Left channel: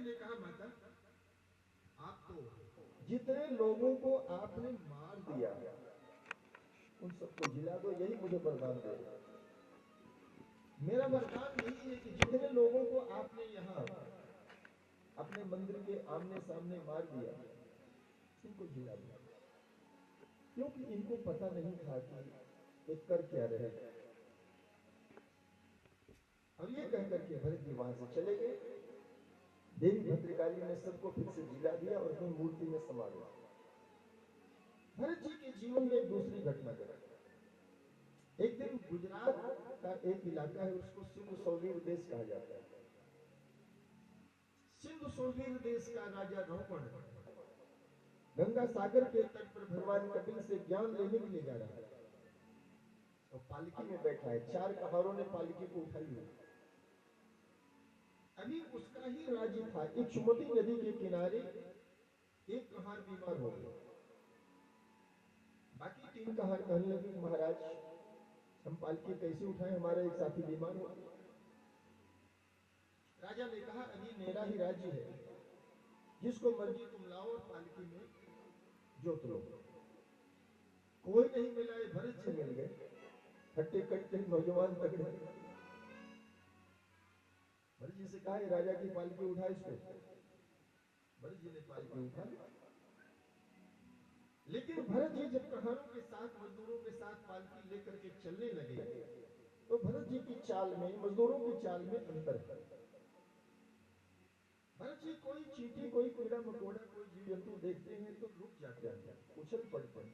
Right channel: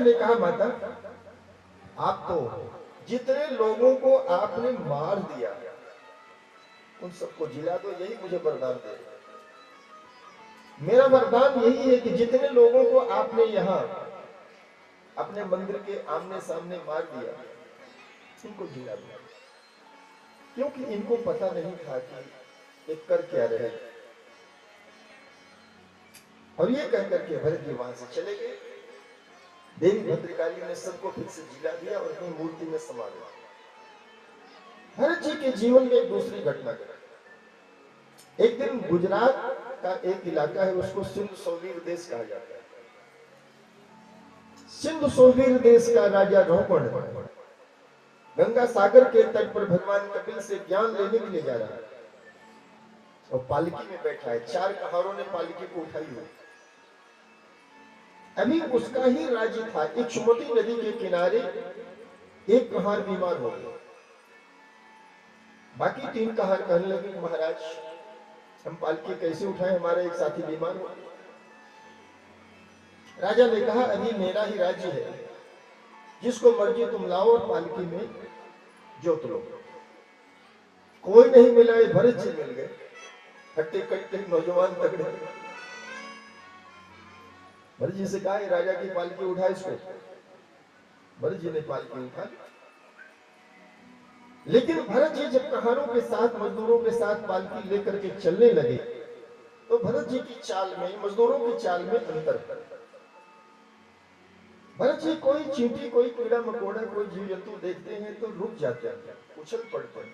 ने कहा माता, आप तो जितने लोगों को आपने मार दिया उन सबको जिला दो, यही मुझे वरदान दे। मेरा वरदान यही है कि जितने लोगों को आपने यहाँ अपने मंदिर के आमने सामने मार दिया इनको जिला दो, क्योंकि इनको पता नहीं था कि ये कर क्या रहे। और ये कहकर के भरत जी वहां से चले गए। देवी भद्रकाली ने सबको फिर से जिला दिया और अपनी मूर्ति में समा दिया। भरत जी के जीवन में एक दूसरी घटना घटी। एक दिन गुजरात का एक इलाका है, उसको सिंध सोवीर देश कहा जाता है। सिंध सोवीर देश का राजा रोहण गंगा सागर के तट पर भगवान कपिल से ज्ञान लेने के लिए जा रहा है और पालकी में बैठा है। 4 कहारों ने पालकी को उठाई हुई। अभी उसका ही राज्य था। इक्षुमती नदी के किनारे एक कहार बीमार हो गया। बाकी 3 कहार कहने लगे, महाराज हम पालकी कैसे उठाएं, हमारा एक साथी बीमार हो। राजा ने कहा, अभी मेरा ही राज्य है, जिसको मर्जी तुम लाओ और पालकी में जोत लो। कोई नहीं मिला, ये भरत जी मिल गए, हट्टे कट्टे नौजवान तगड़े। भरत जी से कहा, राजा की पालकी उठा इसको। भरत जी ने पालकी उठा। लेकिन भरत जी जब कहारों के साथ मजदूरों के साथ पालकी लेकर के चलने लगे तो भरत जी की चाल में मजदूरों की चाल में अंतर था। भरत जी कोई चींटी, कोई कीड़ा मकोड़ा, कोई जीव जंतु देखते हैं तो रुक जाते हैं, उछल पड़ते हैं।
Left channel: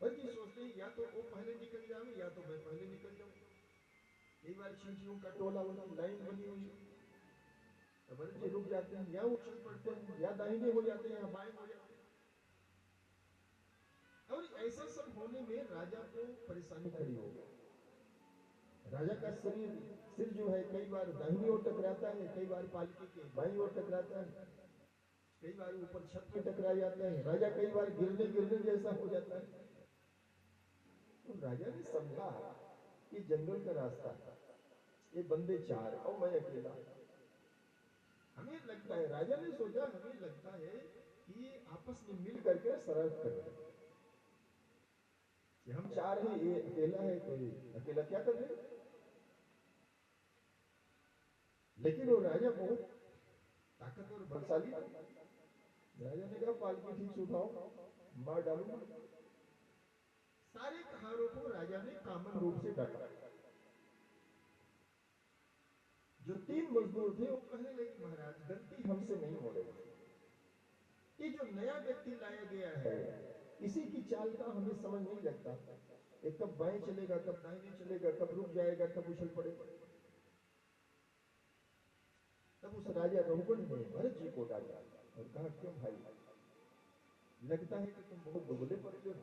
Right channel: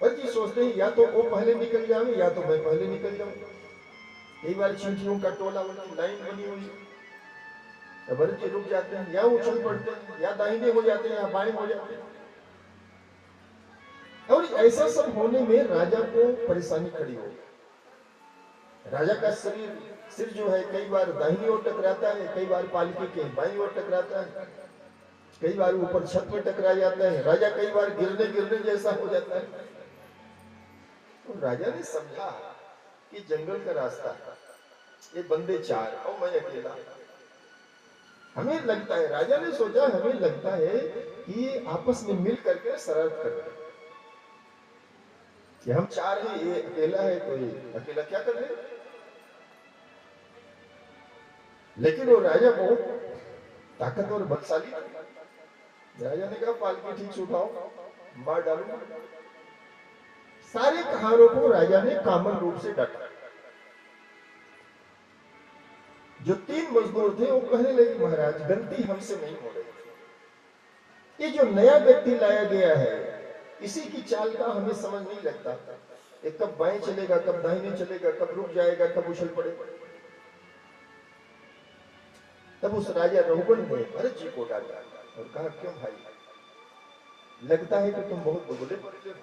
भरत जी सोचते हैं या तो वो पहले निकल जाए या तो मैं पहले निकल जाऊं। कई बार चींटियों का टोला उनकी लाइन बनी हुई है। भरत जी रुक जाते हैं, या उछल पड़ते हैं, या दाहिने हो जाते हैं या बाएं हो जाते हैं। और ऐसा सब होने में राजा को परेशानी खड़ी हो गई। राजा का सिर जो है कई बार दाहिनी ओर टकराता है, कई बार पालकी के बाईं ओर टकराता है, कई बार ऊपर छत में टकरा जाता है। राजा कई बार गिरने जैसा हो जाता है। तो राजा ने समझा कि जंगल का रास्ता, ये बंदे 4 और मैं अकेला, हमें लगता है, राजा ने सोचा हमें लगता है कि ये आपस में मिल करके शरारत कर रहे हैं कि हम 4 हैं, ये अकेला है, तो ये अकेला क्या कर ले। लेकिन वो राजा बहुत ताकतवर बलशाली था। राजा ने कहा, पालकी ठीक से उठाओ, मार डालूंगा। सारे कहारों को राजा ने कामन रूप से डांटा। जो 3 मजदूर थे वो कहने लगे, महाराज गलती हमसे नहीं हो रही, ये जो नया व्यक्ति लाया गया है इसी की चाल का हमें समझ नहीं लगता। ये कब बाएं चलेगा, कब दाहिने चलेगा, कब रुक जाएगा, कब उछल पड़ेगा। तब उस राजा रोहण ने भरत जी को डांटा और कहा, क्यों भाई, लगता है कि तुम बहुत दुबले पड़ते हो,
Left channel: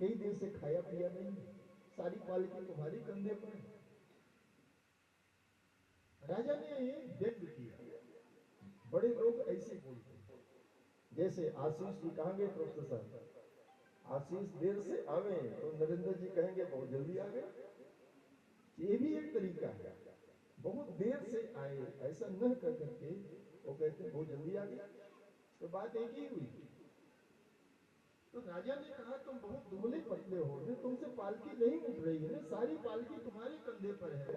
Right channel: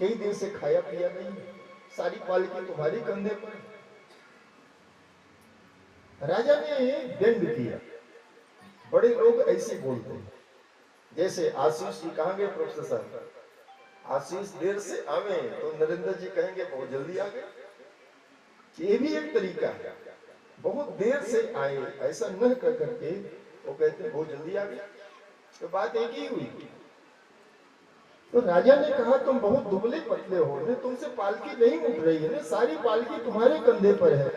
कई दिन से खाया पिया नहीं, सारी पालकी तुम्हारे कंधे पर। राजा ने दंड किया। बड़े लोग ऐसे बोलते हैं, जैसे आशीष जी कहेंगे, प्रोफेसर साहब आशीष देर से आवे तो नरेंद्र जी कहेंगे बहुत जल्दी आ गए। ये भी एक तरीका है, बहुत देर से आए ऐसा न कर करके वो कहते बहुत जल्दी आ गए, तो बात एक ही हुई। तो राजा ने कहा, तुम बहुत दुबले पतले हो, ने तुमसे पालकी नहीं उठ रही है, ने सारी पालकी तुम्हारे कंधे पर है।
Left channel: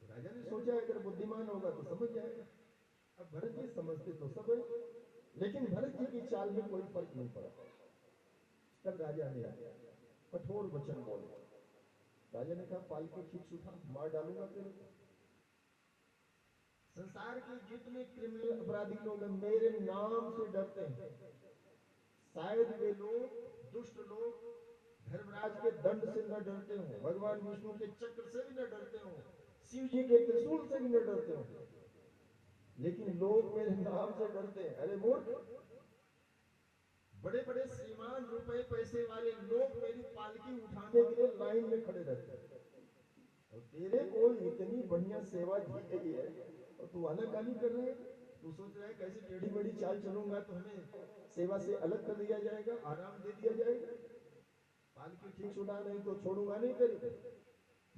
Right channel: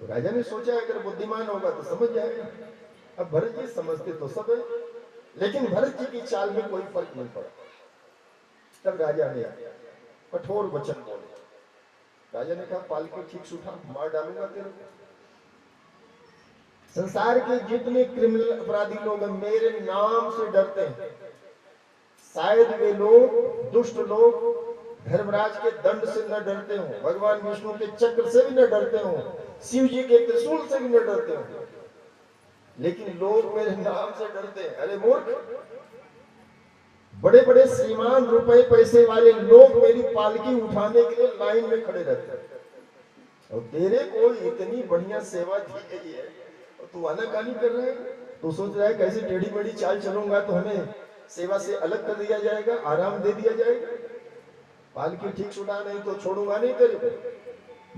तो राजा ने सोचा अगर बुद्धिमान होगा तो समझ जाएगा। अब भरत जी समझते तो सब है, लेकिन भरत जी की चाल में कोई फर्क नहीं पड़ा। तब राजा ने कठोर वचन बोले। राजा ने कहा, पालकी ठीक से उठा, मार डालूंगा तेरे को। संसार के जितने क्रिमिनल अपराधी लोग मेरे नाम से डरते हैं, शायद वे लोग दुष्ट लोग धर्मराज के दंड से न डरते हो, भगवान विष्णु के चक्र से भी न डरते हो, शिव जी के त्रिशूल से भी न डरते हो, लेकिन लोग मेरे नाम से डरते हैं। अरे मूर्ख, बड़े बड़े श्रीमान रुपए पैसे वाले लोग मेरी पालकी उठाने के लिए लाइन में खड़े रहते हैं, और तेरे को इतनी बढ़िया सेवा दी गई है और तू आनाकानी कर रहा है। तू सोच रहा है कैसे टेढ़ी मेढ़ी चाल चलूंगा तो हमें सेवा से अलग कर दिया जाएगा, आराम दे दिया जाएगा। पालकी ठीक सुना नहीं तो छोड़ूंगा नहीं तेरे को,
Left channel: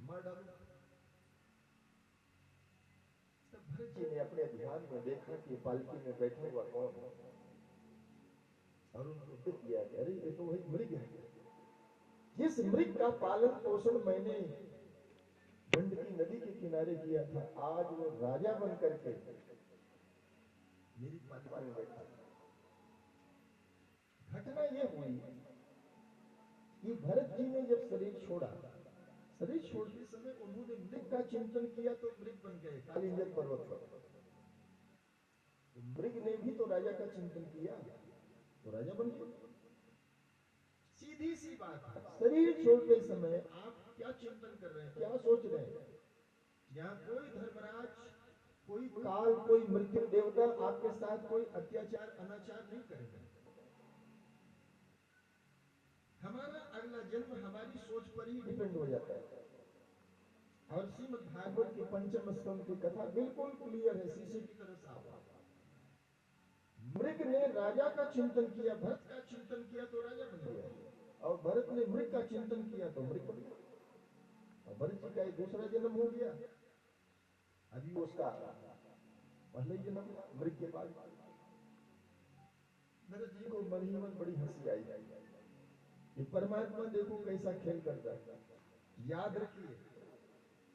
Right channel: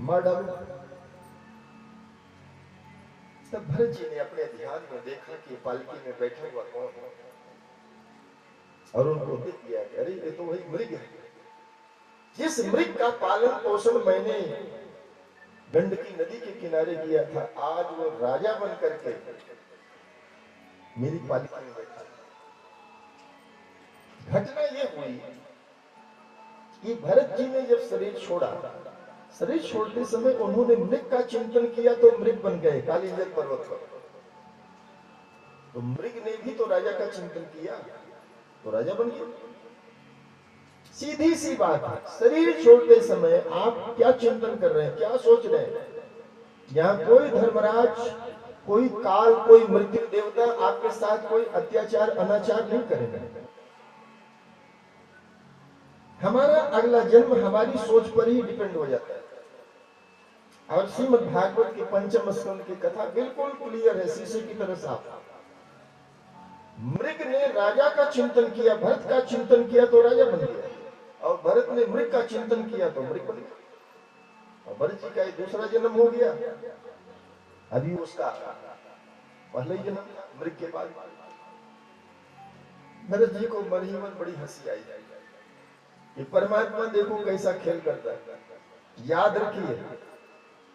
मार डालूंगा। तब तब भरत जी ने अपने ध्यान में देखा कि पालकी में बैठा हुआ कौन है, और उनको दिख गया कि अरे ये तो वही मृग है। जिस मृग का पालन पोषण मैंने गंडकी नदी के किनारे किया था, आज वो राजा बन करके मेरी पालकी में बैठा। घटना ये हुई कि भरत जी ने जब शरीर छोड़ा, शरीर छोड़ते समय उन्होंने मृग का चिंतन किया तो मृग बन गए कालिंजर पर्वत पर। तो मृग ने भी तो राजा का चिंतन किया तो राजा बन गया। सीधी सी बात है, शरीर छोड़ते समय आप क्या चिंतन कर रहे हैं, क्या सोच रहे हैं? यहाँ कोई धर्मराज, कोई काल, कोई मृत्यु देवता आपके साथ कोई अत्याचार अनाचार नहीं करेगा। हमारा अगला जन्म हमारी सोच पर ही डिपेंड हो जाता है। और श्रीमद् भागवत की पंचम स्कंद की कथा बिल्कुल क्लियर है, शीशे की तरह साफ। मृग ने राजा का चिंतन किया, भरत का चिंतन किया तो राजा बन गया, और भरत ने मृग का चिंतन किया तो मृग बन गया। और भरत जी का एक दूसरा जन्म हो गया, अभी उसका पहले ही जन्म मृग के बाद। भरत जी को मन ही मन बड़ी हंसी आई कि परमात्मा देखो कैसा खेल करता है। याद रखिए,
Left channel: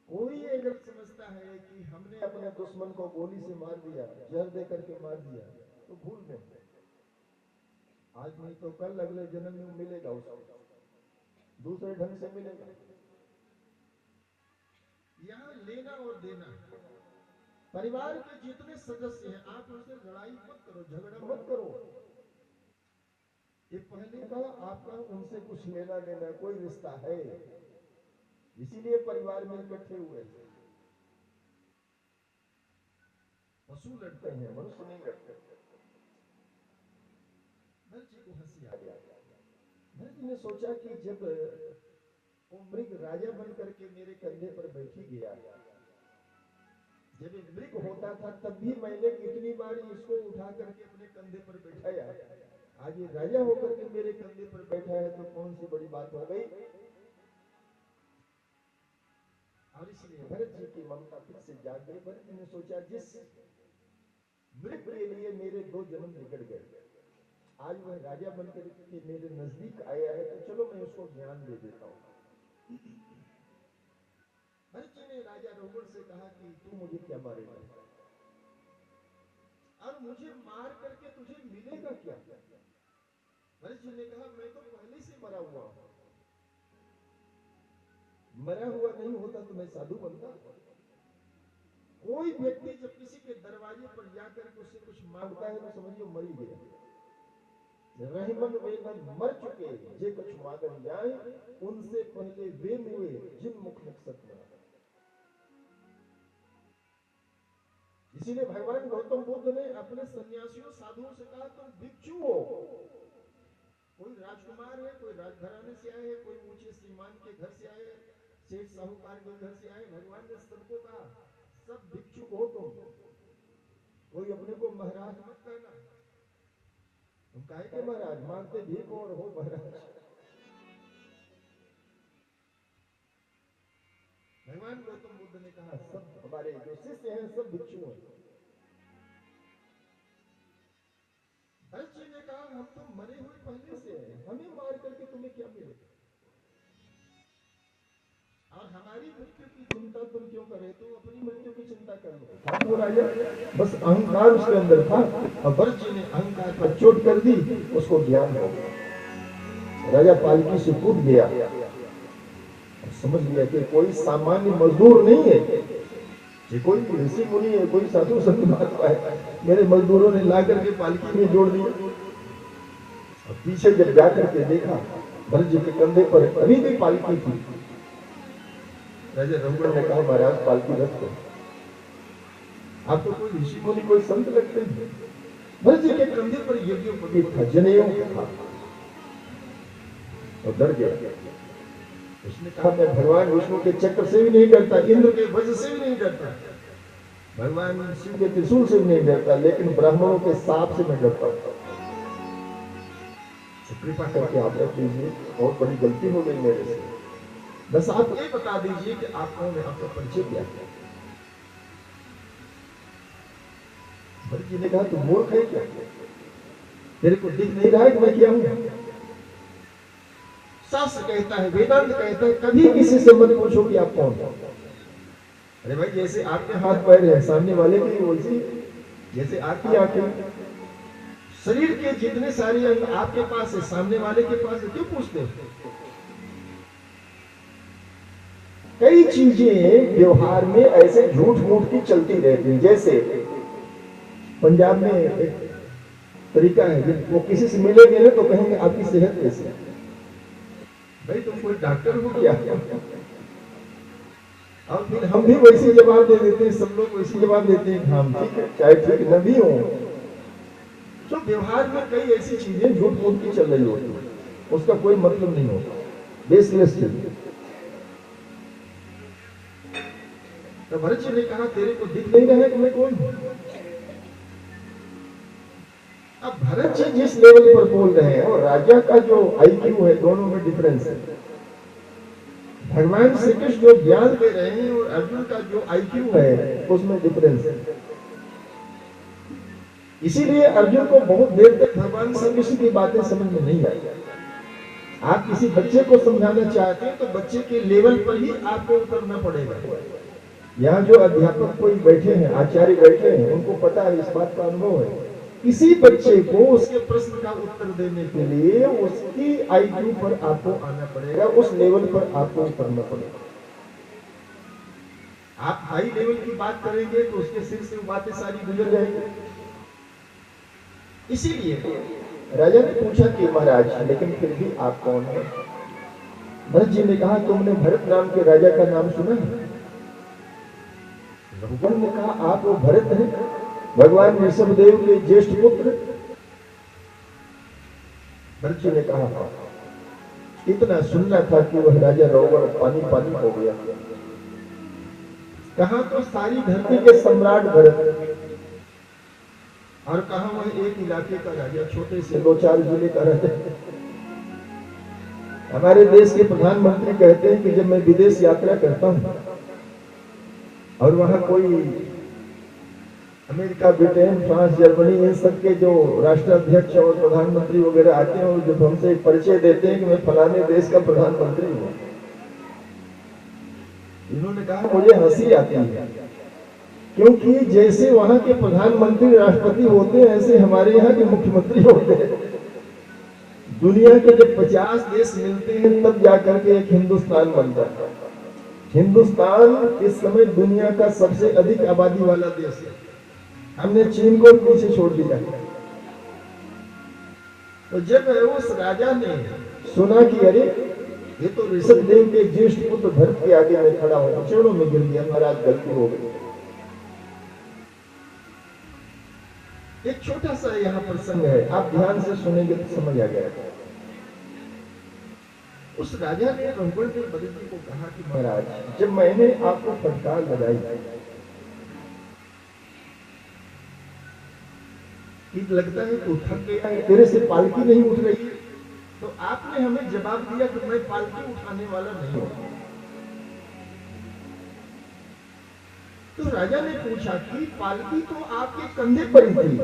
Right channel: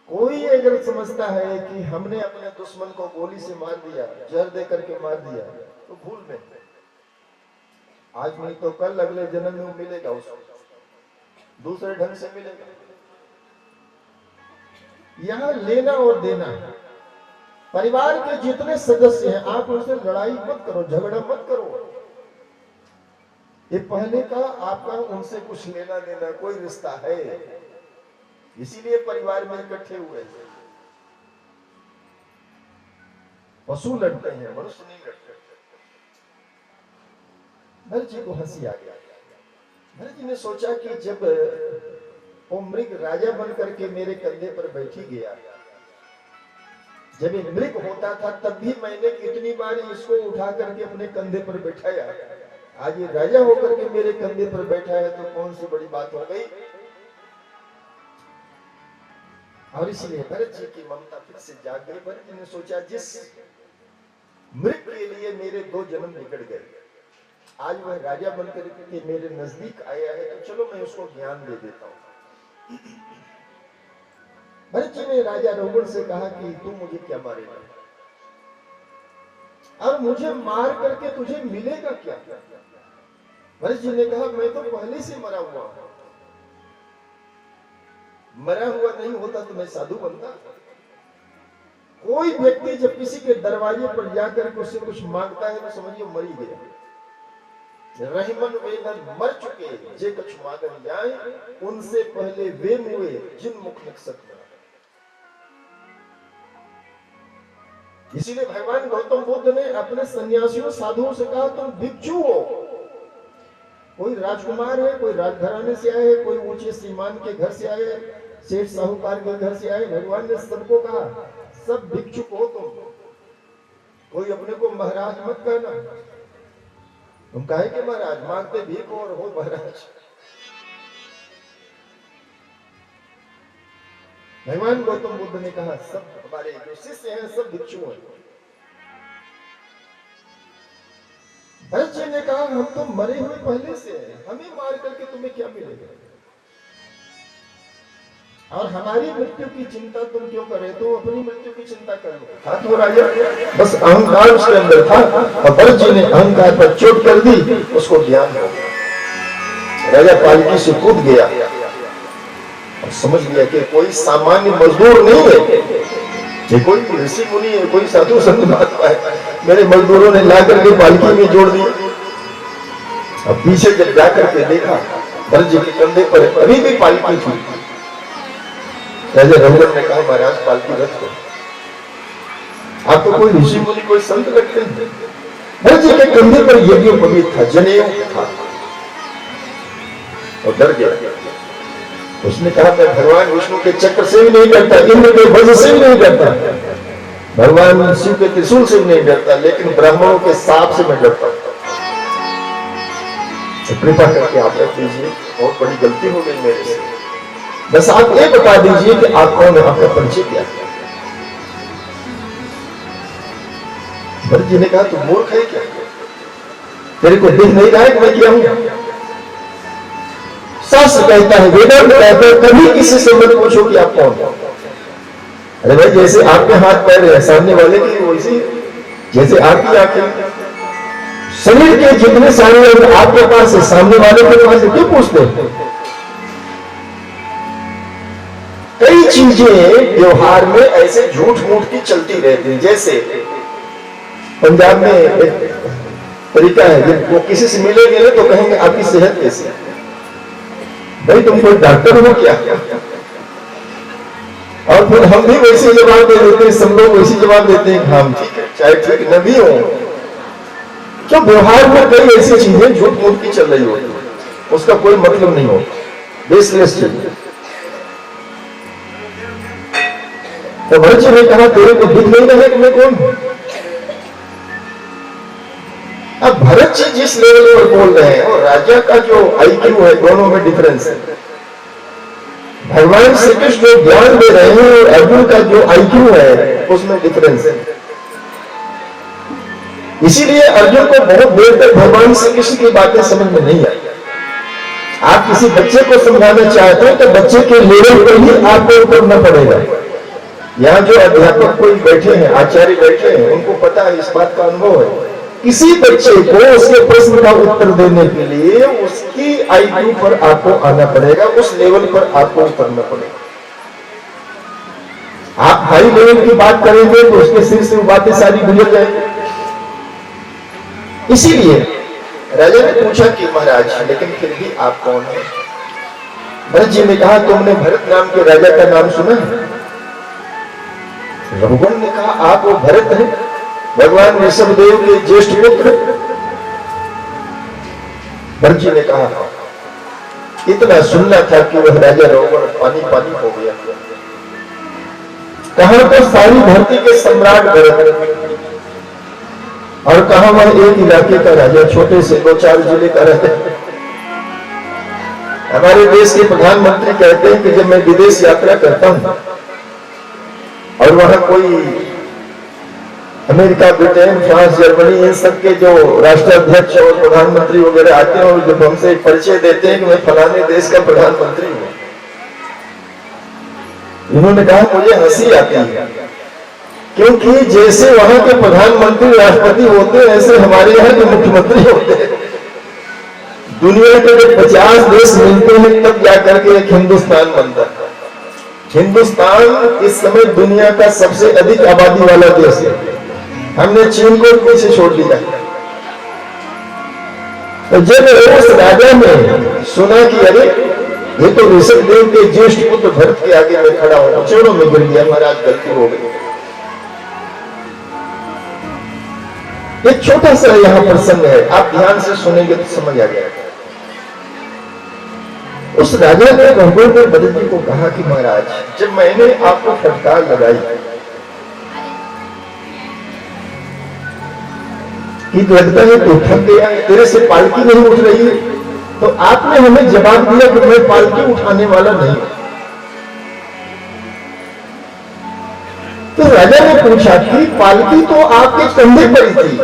कोई अगर समझता है कि हमने अपने दुश्मन को गोली से मार दिया, जहर दे करके मार दिया, तो भूल में, आज नहीं तो कल अगले जन्म में मिलेगा, उसको दूसरे ढंग से मिलेगा। यहां लेना और देना, परिवार के जितने सदस्य हैं आप उनसे लड़ाई मत करो, झगड़ा मत करो। ये पहले का आपका उनसे कुछ लेना देना कोई रिश्ता है, इसीलिए परिवार में इकट्ठे हुए। पशु लड़ते हैं, मनुष्य नहीं लड़ते। भरत जी को हंसी आ गया। भरत जी ने सोचा कि जब वो मृग राजा बन करके मेरे कंधे पर बैठी गया, जब ये मृग होता था तब भी मैंने कितनी बार इसको उठा करके अपने कंधे पर बैठाया, आज ये राजा होकर के मेरे कंधे पर बैठा है तो कौन सी बड़ी बात हो गई। और इसलिए भरत जी की ममता फिर से जाग गई। भरत जी ने सोचा जिस मृग के लिए मेरे 2 जन्म निकल गए, आज वह राजा बनकर के मेरे नजदीक आया है, तो चलो मैं उसको ज्ञान दे देता हूं। भरत जी ने राजा रघुवर से कहा कि तू मुझे क्या मारेगा, और मुझे मार करके तुझे मिलेगा क्या? भरत जी ने कहा मैं तो पहले से मरा हुआ हूं, मरा हुआ नहीं होता तो मैं साधु बनता। कोई व्यक्ति जब किसी के दरवाजे पर जाकर के उससे कुछ मांगता है तो समझिए मर ही गया। रहीमन वेदन मर चुके जे कुछ मांगन जाए, उनसे पहले वे मुए जिन मुख निकसत न। इसीलिए भगवान गौतम बुद्ध ने अपने सन्यासियों साधुओं से कहा तुम भिक्षु हो। कोई राजकुमार है, कोई राजघराने से आए, कोई ऊंचे श्रीमान के घर से आए, सेठ साहूकार के घर से आए, भगवान ने सबको कहा सब भिक्षुक हो तुम, कोई अपने को महाराज मत कहना। तुम काहे के महाराज, मांगते भीख और हो महाराज। भगवान गौतम बुद्ध ने कहा सब हमारे जो शिष्य हैं सब भिक्षु हैं। भरत जी ने कहा हम तो मरे हुए पहले से हैं, हमें मार करके तुम्हें क्या मिलेगा, और हमारी मृत्यु की चिंता तुम क्यों कर रहे हो, अपनी मृत्यु की चिंता कर लो। हाँ तो राजा, बस अहंकार उसके अंदर था और भरत जी ने अहंकार पर चोट कर दी, उसको ज्ञान हो गया। राजा पालकी से कूद गया और समझ लिया कि कोई सामान्य मजदूर नहीं है, ये कोई ऋषि मुनि है, कोई साधु संत महात्मा है। मेरे मजदूरों ने ला करके पालकी में जोड़ दिया। अब पीछे जब जाकर के देखा भरत जी के कंधे पर अभी भी पालकी थी। राजा रघुवर ने कहा महाराज पालकी रख दो, आप तो कोई ऋषि मुनि कोई संत लगते हैं। भरत जी के कंधे पर यज्ञोपवीत था, जनेऊ था, और डर गया। उसने कहा मैं भगवान विष्णु के चक्र से भी नहीं डरता, इंद्र के वज्र से भी नहीं डरता, भगवान शिव के त्रिशूल से भी नहीं डरता, लेकिन ब्राह्मणों के साप से मैं डरता हूं। कृपा करके आप रख लीजिए, बहुत बड़ी गलती हो गई मेरे से। बस आप ये बता दीजिए कि आप कौन है, आपका परिचय क्या है। भरत जी ने कहा तू मूर्ख है क्या, तेरे को दिख नहीं रहा है कि मैं क्या हूं? शास्त्र कहता है, वेदांत कहता है, कभी किसी से मत पूछो कि आप कौन हो। अरे भाई, जैसे आपके हाथ पैर है सामने वाले की, वैसे जैसे आपकी आंखें, शरीर के जितने सारे अंग आपके पास है सामने वाले के पास है, क्यों पूछते हैं? कई चीजें व्यवहार में ऐसे झूठ मूठ की चलती रहती हैं। जैसे पंजाब में एक तरीका है, जब वो किसी से मिलेंगे ना तो कहेंगे आपकी सेहत कैसी है? भाई तुम कोई डॉक्टर हो क्या? और फिर हम भी वैसे जवाब दे देते हैं, सब लोग वैसे जवाब देते हैं, हाँ ठीक है, चाहे ठीक न भी हो। क्यों? व्यवहार में कई ऐसी चीजें झूठ मूठ की चल रही होती है, उसका कोई मतलब नहीं होता, बेसलेस चीज। तो भरत जी ने कहा तेरे को दिख नहीं रहा है कि मैं कौन हूं? अब भरत जी जिस लेवल पर बोल रहे हैं और राजा का जो आईक्यू है, दोनों में डिफरेंस है। भगवान श्री कृष्ण जो ज्ञान दे रहे हैं और अर्जुन का जो आईक्यू है उसमें डिफरेंस है। इसीलिए अर्जुन को बहुत देर तक भगवान श्री कृष्ण की बातें समझ में नहीं आई। आप किसी बच्चे को समझाना चाहते हैं तो बच्चे के लेवल पर ही आपको उतरना पड़ेगा। यहाँ जो अध्यापक कोई बैठे हैं, आचार्य बैठे हैं, उनको पता है, इस बात का अनुभव है। किसी बच्चे को उसके प्रश्न का उत्तर देने के लिए उसकी आईक्यू पर आपको आना पड़ेगा, उस लेवल पर आपको उतरना पड़ेगा। आप हाई लेवल की बात करेंगे तो उसके सिर से बातें सारी गुजर जाएंगी। इसीलिए राजा ने पूछा कि महाराज, लेकिन फिर भी आप कौन हैं? भरत जी ने कहा तुमने भरत नाम के राजा का नाम सुना है? रघुगण ने कहा आप वो भरत हैं, भगवान ऋषभदेव के ज्येष्ठ पुत्र? भरत जी ने कहा इतना सुनना था कि वह राजा रघुगण पानी पानी हो गया। कहां तो सारी धरती के सम्राट भरत और कहां वह एक इलाके का राजा, छोटे से 2-4 जिले का राजा। हमारे देश के प्रधानमंत्री कहते हैं कि जब मैं विदेश यात्रा करता हूं और वहां कोई अमेरिका, ब्रिटेन, फ्रांस, जर्मनी, इन सब के जो राष्ट्राध्यक्ष और प्रधानमंत्री वगैरह आते हैं और जब हमसे परिचय देते हैं कि मैं फलाने देश का प्रधानमंत्री हूं, इन्होंने कहा मुझे हंसी आती है, क्योंकि जैसे वहां के प्रधानमंत्री राष्ट्रपति होते हैं ऐसे हमारे यहाँ के मुख्यमंत्री होते हैं। दुनिया के जब 50 देश मिलते हैं तब जाकर के एक हिंदुस्तान बनता है। हिंदुस्तान इस समय दुनिया का सबसे अधिक आबादी वाला देश है। हमने चीन को पीछे छोड़ दिया। तो जब उस राजा ने सुना कि अरे ये तो ऋषभदेव के ज्येष्ठ पुत्र भरत के आगे मैं खड़ा हूं, चरणों में गिर गया, महाराज गलती हो गई। एक छोटा सा यहां प्रसंग है, आप ध्यान से सुनेंगे तो समझ आ जाएगा। उस राजा ने रघुगण ने भरत जी को कहा कि महाराज, जब मैंने आपको फटकार लगाई कि लगता है तो थक गया, तेरे से पालकी नहीं उठ रही है, तो आपने हमें जवाब दिया कि मैं पालकी उठाने वाला नहीं हूं। तो राजा ने पूछा कि पालकी तो आपके कंधे पर ही थी,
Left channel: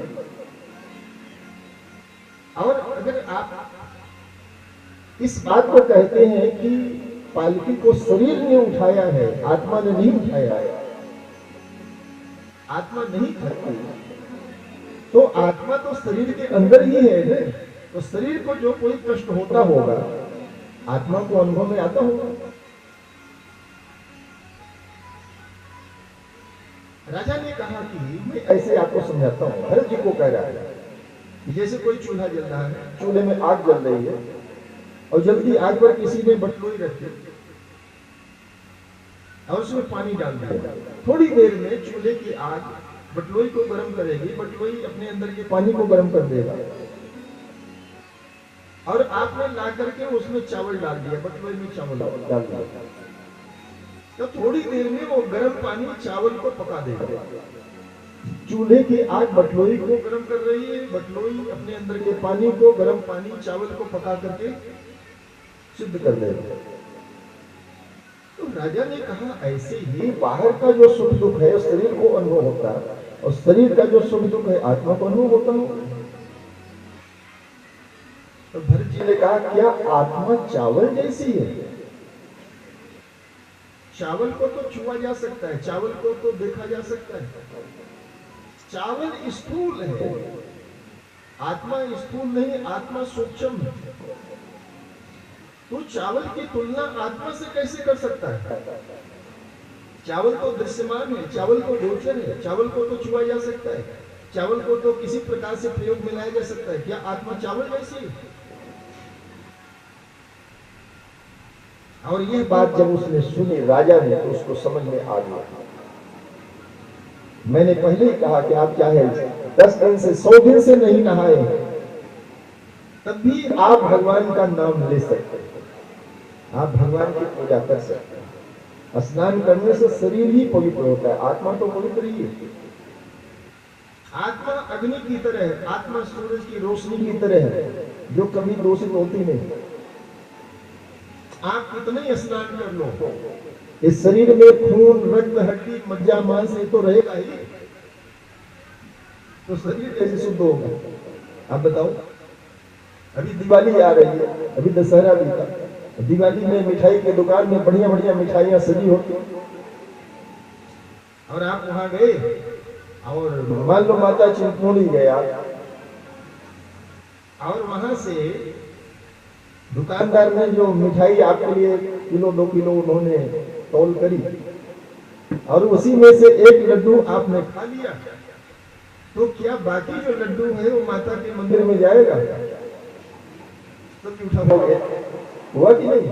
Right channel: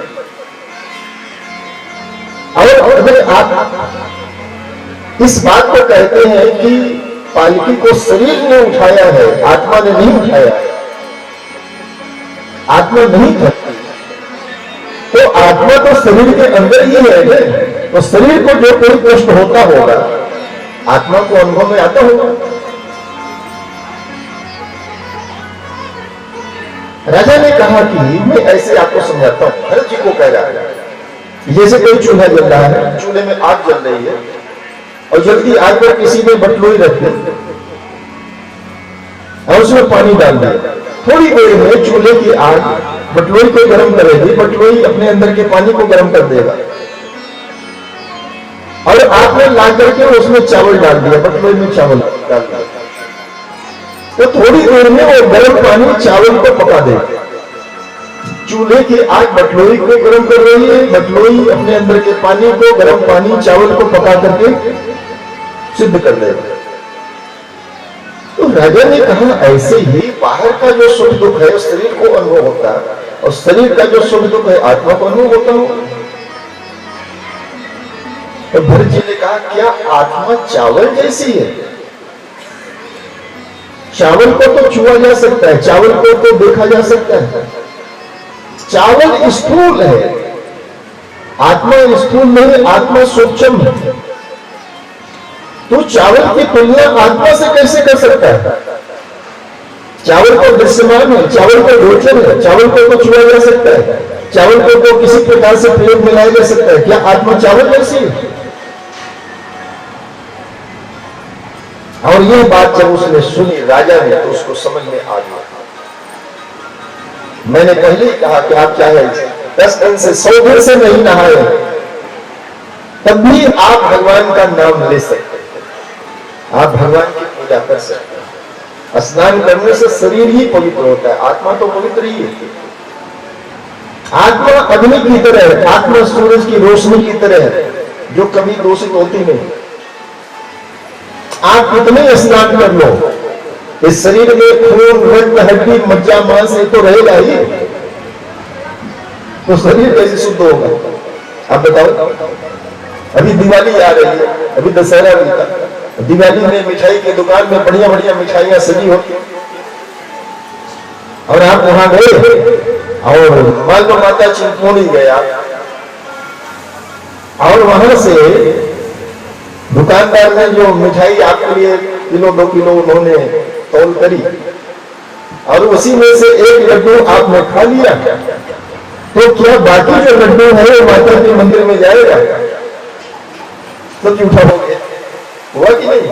और अगर आप इस बात को कहते हैं कि पालकी को शरीर ने उठाया है, आत्मा ने नहीं उठाया है, आत्मा नहीं थकती, तो आत्मा तो शरीर के अंदर ही है। तो शरीर को जो कोई कष्ट होता होगा आत्मा को अनुभव में आता होगा। राजा ने कहा कि मैं ऐसे आपको समझाता हूं। भरत जी को कह रहा है जैसे कोई चूल्हा जल रहा है, चूल्हे में आग जल रही है और जल्दी आग पर किसी ने बटलोई रख दी और उसमें पानी डाल दिया। थोड़ी देर में चूल्हे की आग बटलोई को गर्म करेगी, बटलोई अपने अंदर के पानी को गर्म कर देगा और आपने ला करके उसमें चावल डाल दिया, बटलोई में चावल डाल दिया, तो थोड़ी देर में वो गर्म पानी चावल को पका देगा। चूल्हे की आग बटलोई को गर्म कर रही है, बटलोई अपने अंदर के पानी को, गर्म पानी चावल को पका करके सिद्ध कर देगा। तो राजा ने कहा ऐसे ही बाहर का जो सुख दुख है उस शरीर को अनुभव होता है, और शरीर का जो सुख दुख है आत्मा को अनुभव होता हो। तो भरत जी ने कहा, क्या आत्मा चावल जैसी है? चावल को तो छुआ जा सकता है, चावल को तो देखा जा सकता है। चावल स्थूल है, आत्मा स्थूल नहीं, आत्मा सूक्ष्म है। तो चावल की तुलना आत्मा से कैसे कर सकता है? चावल को दृश्यमान है, चावल को गोचर है, चावल को तो छुआ जा सकता है, चावल को तो किसी प्रकार से प्रयोग में लाया जा सकता है। क्या आत्मा चावल जैसी है? और यह बात जब उसने सुनी राजा ने, तो उसको समझ में आ गया। मैंने पहले ही कहा कि आप चाहे 10 दिन से 100 दिन से नहीं नहाए, तब भी आप भगवान का नाम ले सकते हैं, आप भगवान की पूजा कर सकते हैं। स्नान करने से शरीर ही पवित्र होता है, आत्मा तो पवित्र ही है। आत्मा अग्नि की तरह है, आत्मा सूरज की रोशनी की तरह है, जो कभी दूषित होती नहीं। आप कितने स्नान कर लो, इस शरीर में खून रक्त हड्डी मज्जा मांस ये तो रहेगा ही, तो शरीर कैसे शुद्ध होगा? आप बताओ। अभी दिवाली आ रही है, अभी दशहरा भी था, दिवाली में मिठाई की दुकान में बढ़िया बढ़िया मिठाइयां सजी होती, और आप वहां गए और मान लो माता चिंतपूर्णी गया, और वहां से दुकानदार ने जो मिठाई आपके लिए किलो 2 किलो उन्होंने तौल करी, और उसी में से एक लड्डू आपने खा लिया, तो क्या बाकी जो लड्डू है वो माता के मंदिर में जाएगा? तो झूठा हो गया, हुआ कि नहीं?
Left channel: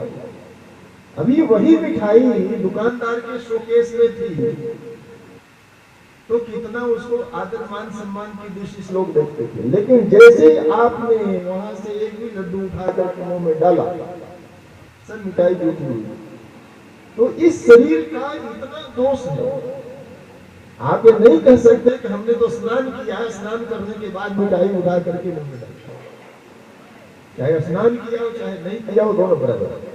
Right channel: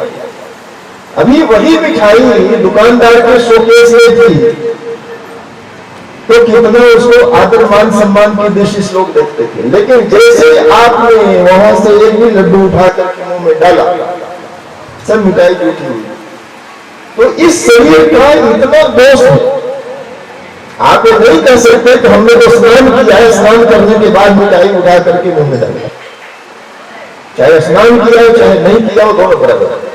अभी वही मिठाई दुकानदार के शोकेस में थी, तो कितना उसको आदर मान सम्मान की दृष्टि से लोग देखते थे। लेकिन जैसे आपने वहां से एक भी लड्डू उठा करके मुंह में डाला, सब मिठाई झूठी हुई। तो इस शरीर का इतना दोष है, आप ये नहीं कह सकते कि हमने तो स्नान किया है, स्नान करने के बाद मिठाई उठा करके मुंह में डाला। चाहे स्नान किया हो चाहे नहीं किया हो, दोनों बराबर है।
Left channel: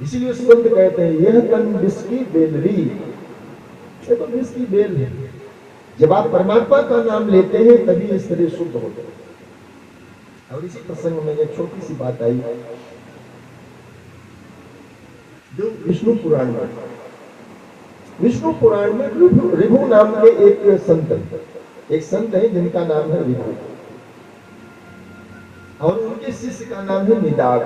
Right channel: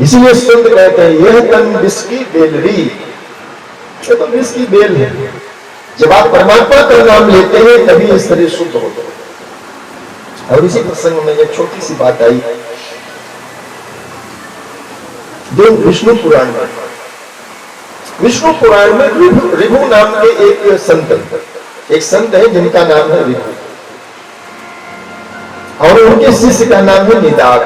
इसीलिए संत कहते हैं, यह तन विष की बेलरी, ये तो विष की बेल है। जब आप परमात्मा का नाम लेते हैं तभी ये शरीर शुद्ध होता है। और इसी प्रसंग में एक छोटी सी बात आई, जो विष्णु पुराण में, विष्णु पुराण में ऋभु नाम के एक संत है जिनका नाम है ऋभु, और उनके शिष्य का नाम है निदाग।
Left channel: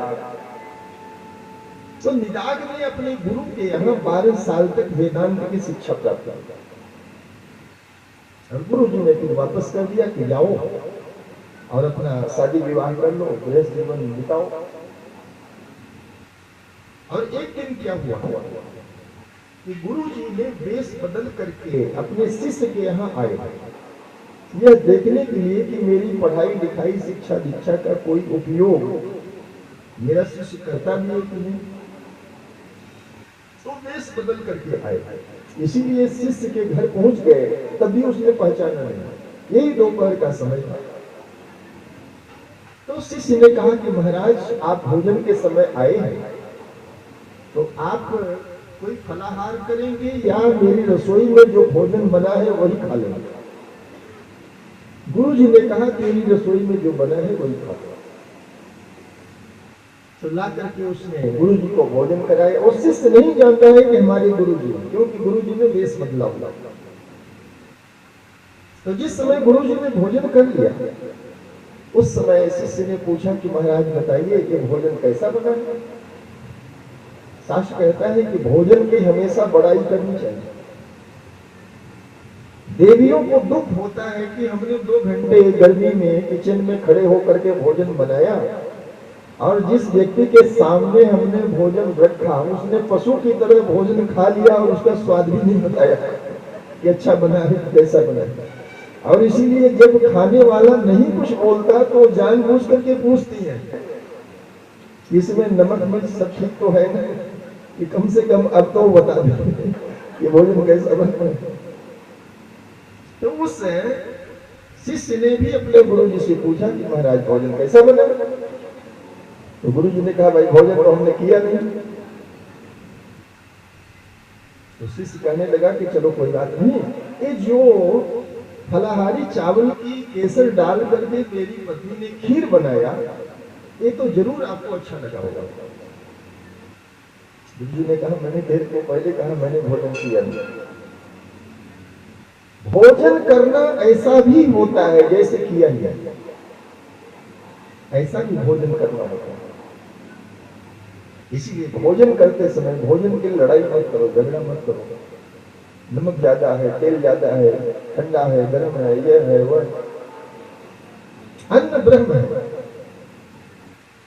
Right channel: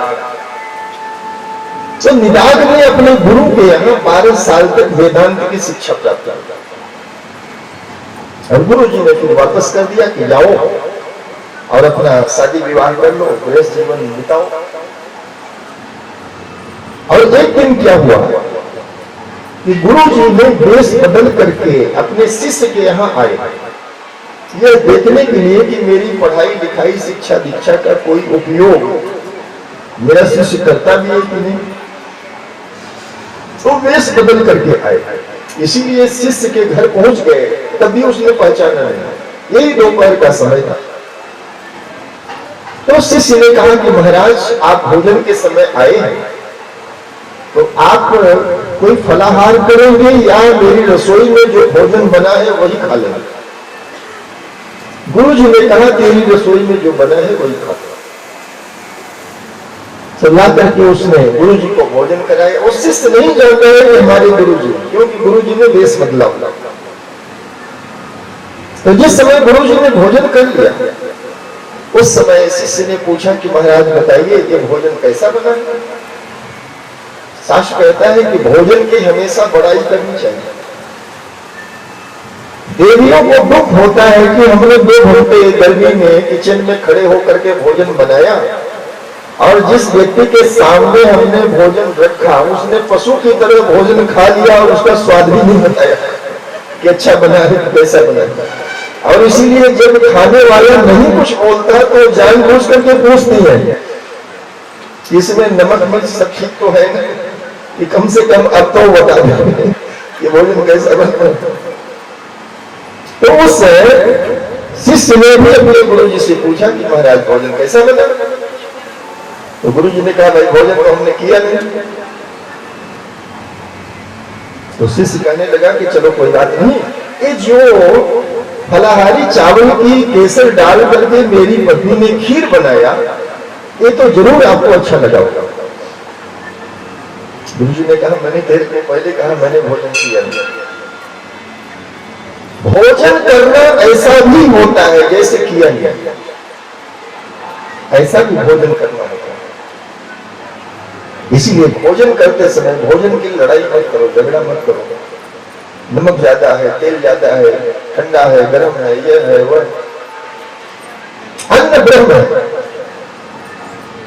तो निदाग ने अपने गुरु के यहाँ 12 साल तक वेदांत की शिक्षा प्राप्त की, और गुरु जी ने फिर वापस कर दिया कि जाओ और अपना शादी विवाह कर लो, गृहस्थ जीवन बिताओ। और एक दिन क्या हुआ कि गुरु जी ने वेश बदल करके अपने शिष्य के यहाँ आए, यह देखने के लिए कि मेरी पढ़ाई लिखाई शिक्षा दीक्षा का कोई उपयोग मेरा शिष्य करता भी है कि नहीं। तो वेश बदल करके आए, इसीलिए शिष्य के घर पहुंच गए, तभी उसने पहचाना नहीं। यही दोपहर का समय था। तो शिष्य ने कहा कि महाराज आप भोजन के समय आए हैं, तो आप कोई फलाहार करेंगे या मेरी रसोई में जो भोजन बना है वही खा लेंगे? गुरु जी ने कहा तेरी रसोई में जो बना है वही खा लो। तो ला करके उसने गुरु जी को भोजन कराया। उस शिष्य नहीं जानता है कि हमारे गुरु जी, क्योंकि गुरु जी ने वेश बदला। तो जिस समय गुरु जी ने भोजन कर लिया, उस समय शिष्य ने पूछा कि महाराज बताइए ये भोजन कैसा बना? शास्त्र कहता है कि भोजन की हमेशा बड़ाई करनी चाहिए। देवियों को दुख होता है कि हमने 2 घंटे गर्मी में किचन में खड़े होकर के भोजन बनाया, और जिस व्यक्ति के सामने हमने भोजन रखा उसने पशु की तरह भोजन खा लिया और उसका स्वाद भी नहीं बताया कि अच्छा बना है कैसा बना है। और इसीलिए जब खाने वाला नहीं कुछ बोलता तो जानबूझ करके पूछती है कि इसमें नमक मिर्च सब ठीक तो है ना, कि कम से कम अब तो बता दें ये भोजन कैसा बना। तो उस शिष्य ने भी अपने गुरु जी से पूछा कि महाराज भोजन कैसा बना? तो गुरु जी ने कहा भाई भोजन तो हमने किया नहीं। तो शिष्य कहने लगा कि चलो कोई बात नहीं, ये जो फलाहारी चावल की केसर डाल करके मेरी पत्नी ने खीर बनाया, ये तो जरूर आपको अच्छा लगा होगा। गुरु जी ने कहा मैंने देर को पहले कहा मैंने भोजन किया नहीं। भोजन करना ऐसा भी होता है जैसे किया गया, ऐसा भी भोजन करना होता है। इसीलिए भोजन करते समय भोजन की लड़ाई मत करो, झगड़ा मत करो। नमक ज्यादा है, तेल ज्यादा है, ठंडा है, गर्म है, ये है वह। अन्न ब्रह्म है।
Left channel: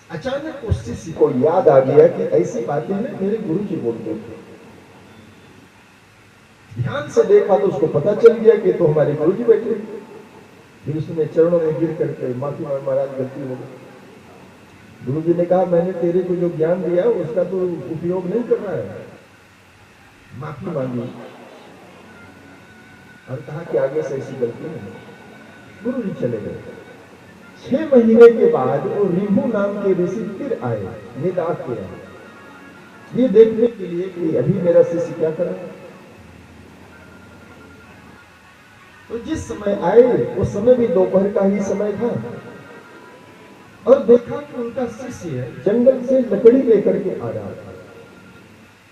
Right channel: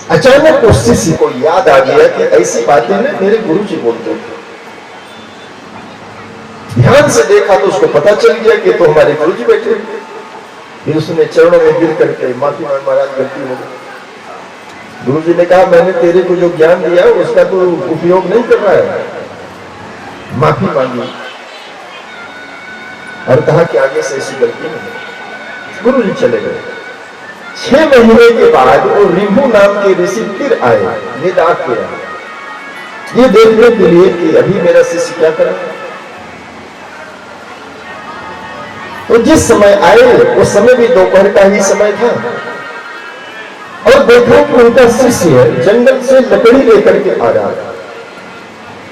अचानक उस शिष्य को याद आ गया कि ऐसी बातें ना मेरे गुरु जी बोलते थे। ध्यान से देखा तो उसको पता चल गया कि तो हमारे गुरु जी बैठे। फिर उसने चरणों में गिर करके माफी मांग, महाराज गलती हो गई। गुरु जी ने कहा मैंने तेरे को जो ज्ञान दिया उसका तो उपयोग नहीं कर रहा है। माफी मांगी और कहा कि आगे से ऐसी गलती नहीं। गुरु जी चले गए। 6 महीने के बाद वो रिंभू नाम के ऋषि फिर आए, निदाग के आए, ये देखने के लिए कि अभी मेरा शिष्य क्या कर रहा है। तो जिस समय आए उस समय भी दोपहर का ही समय था और देखा कि उनका शिष्य जंगल से लकड़ी लेकर के आ रहा था।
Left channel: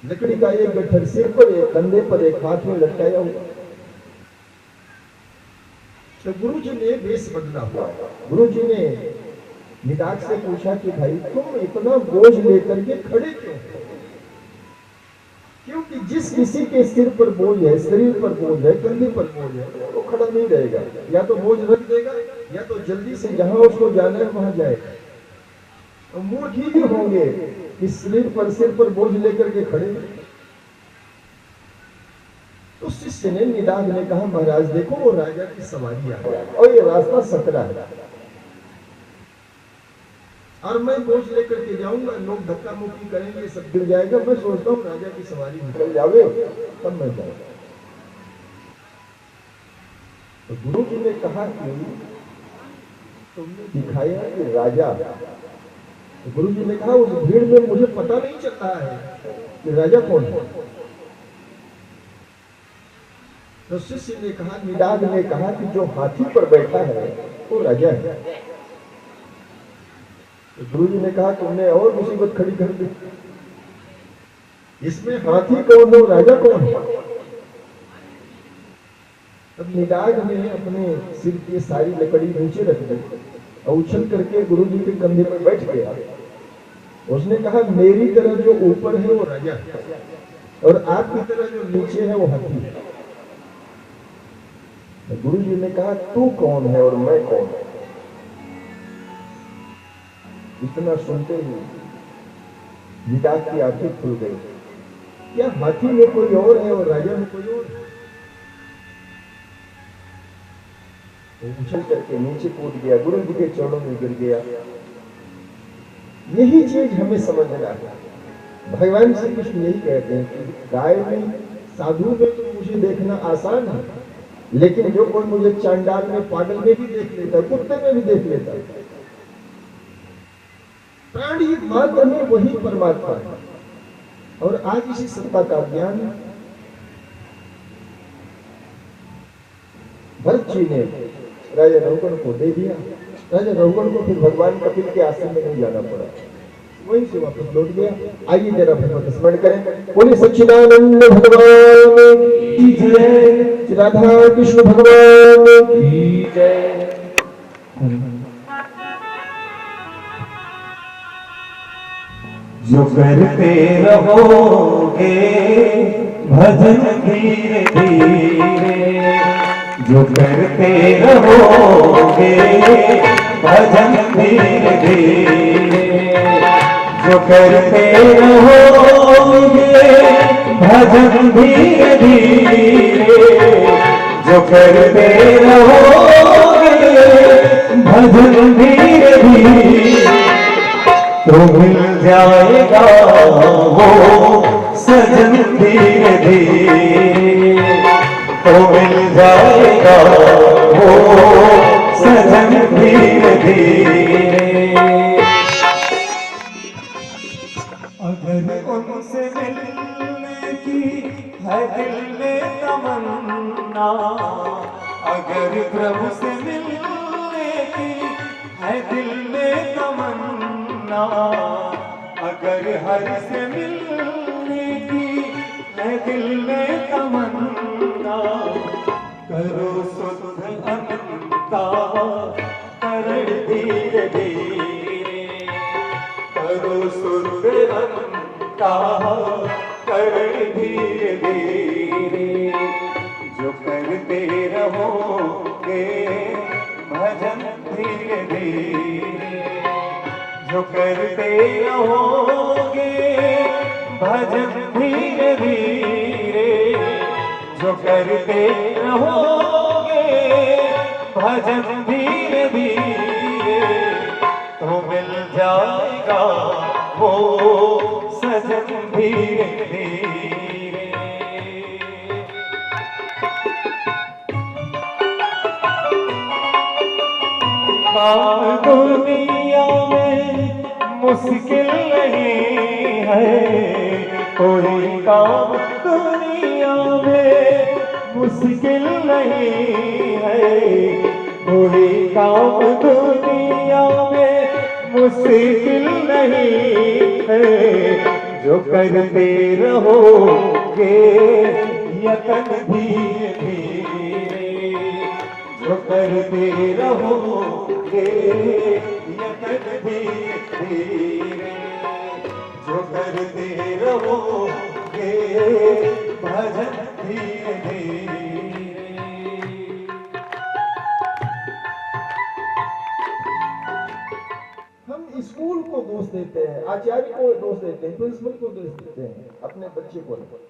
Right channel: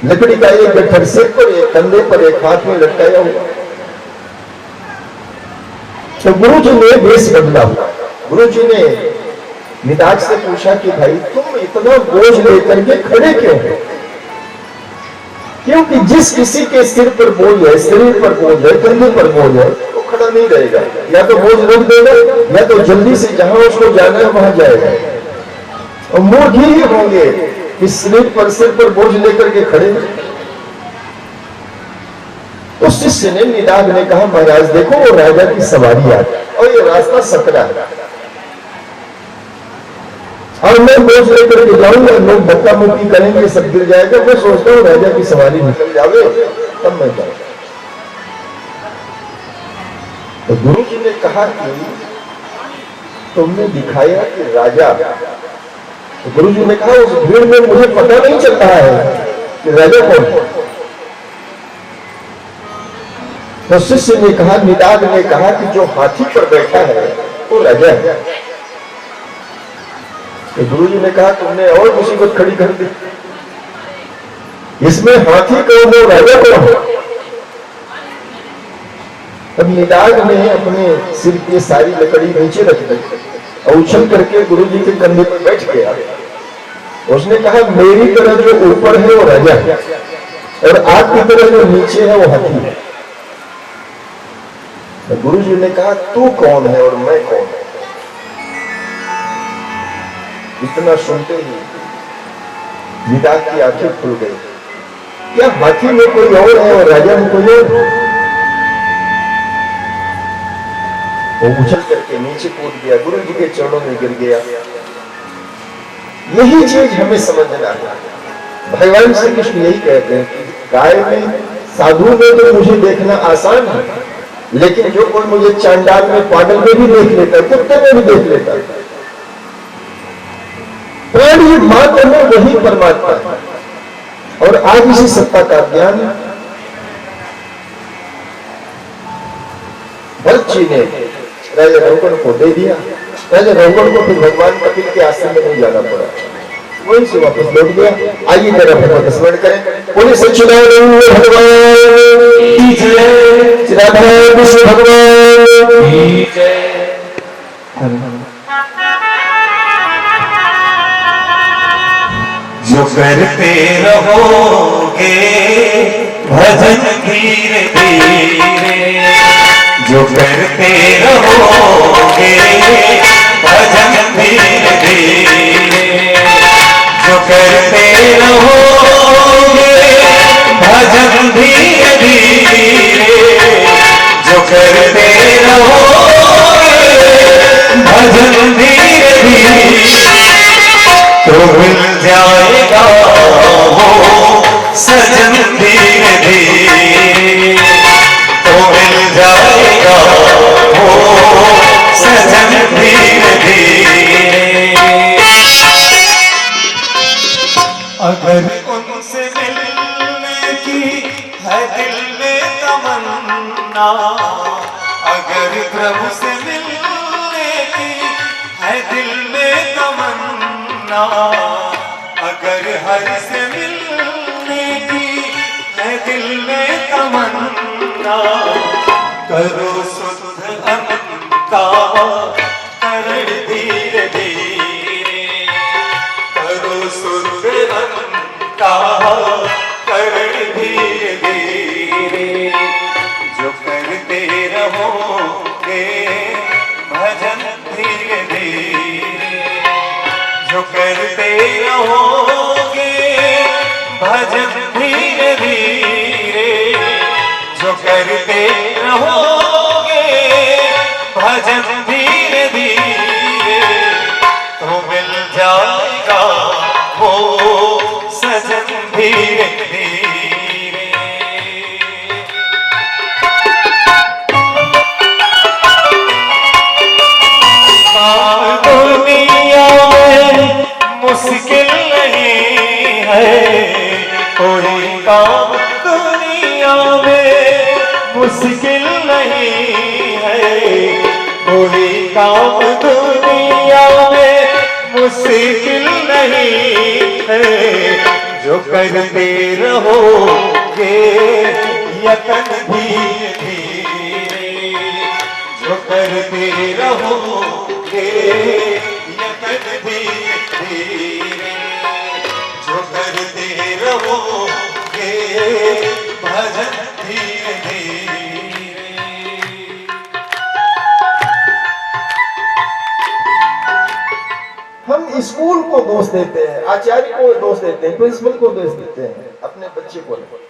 लकड़ी का एक गट्ठर सिर पर, एक कंधे पर, एक हाथ में लटकाया हुआ। तो गुरु जी ने वेश बदला हुआ। गुरु जी ने निदाग से पूछा कि भाई तुम इतना बोझ लेकर के खड़े क्यों हो? क्योंकि जिस किसी के सिर पर बोझ है, शरीर पर बोझ है, कंधे पर बोझ है, वो खड़ा नहीं रहेगा। या तो बोझ रख देगा या तो जल्दी से जहां उसको जाना है वहां जाएगा। और मूर्ख ही होंगे कि शरीर पर, सिर पर बोझ लेकर के खड़े। उस शिष्य ने, निदाग ने कहा महाराज देखो वो राजा की सवारी आ गई और ये रास्ता सकरा है और मैं बोझ लेकर के जाऊंगा, लोग धक्का मुक्की करेंगे, सब गिर जाएगा। मैं सोचता हूँ राजा की सवारी निकल जावे तब मैं जाऊँ। तो गुरु जी ने कहा कि तुमने दिखाया कि राजा। तो गुरु जी ने कहा उस भीड़ में मुझे पता नहीं चल रहा है कि राजा कौन है। तो शिष्य ने कहा, निदाग ने कहा कि जो हाथी पर बैठा है वो राजा है। तो गुरु जी ने कहा तुमने और मुसीबत खड़ी कर दी, इसमें हाथी कौन है, राजा कौन है? तब निदाग ने अपने सिर की सारी लकड़ी नीचे रख दी और उछल करके गुरु जी के कंधे पर बैठ गया। उसने कहा मेरी तरह जो ऊपर है वो राजा है और आपकी तरह जो नीचे है वो हाथी है। तो गुरु जी ने कहा तू कौन है और मैं कौन है? इतना सुनते ही निदाग की आंखें खुल गई। क्या हाथी में कोई और है और राजा में कोई और? वो उछल करके नीचे कूद गया, गुरु जी के चरणों में गिर गया। यही चीज हमें समझना है। भगवान श्री कृष्ण यही कहते हैं कि गाय में, साधु में तो मुझे देखना आसान है, लेकिन जो कोई मुझे चांडाल में, पागल में भी देख लेता है, कुत्ते में भी देख लेता है, प्राणी मात्र में वही परमात्मा है। और आज इसी सत्ता का ज्ञान भरत जी ने राजा रघुगण को दे दिया। राजा रघुगण को फिर भगवान कपिल के आश्रम में नहीं जाना पड़ा, वहीं से वापस लौट गया। आइए जरा भगवत स्मरण करें। बोले सच्चिदानंद भगवान की जय, राधा कृष्ण भगवान की जय। जो करते रहोगे भजन धीरे धीरे, जो करते रहोगे भजन धीरे धीरे, जो करते रहोगे भजन धीरे धीरे, जो करते रहोगे भजन धीरे धीरे, तो मिल जाएगा वो सजन धीरे धीरे, तो मिल जाएगा वो सजन धीरे धीरे। अगर उनसे मिलने की है तमन्ना, अगर प्रभु से मिलने की है दिल में तमन्ना, अगर हरि से मिलने की है दिल में तमन्ना, करो शुद्ध अनंता करण धीरे धीरे, करो शुद्ध अनंता करण धीरे धीरे, जो करते रहोगे भजन धीरे धीरे, जो करते रहोगे भजन धीरे धीरे, जो करते रहोगे भजन धीरे धीरे, तो मिल जाएगा वो सजन धीरे धीरे। काम दुनिया में मुश्किल नहीं है, कोई काम दुनिया में मुश्किल नहीं है, कोई काम दुनिया में मुश्किल नहीं है, जो करते रहोगे यतन धीरे धीरे, जो करते रहोगे यतन धीरे धीरे, जो करते रहोगे भजन धीरे धीरे। हम स्कूल को दोष देते हैं, आचार्य को दोष देते हैं, प्रिंसिपल को दोष देते हैं, अपने बच्चे को नहीं।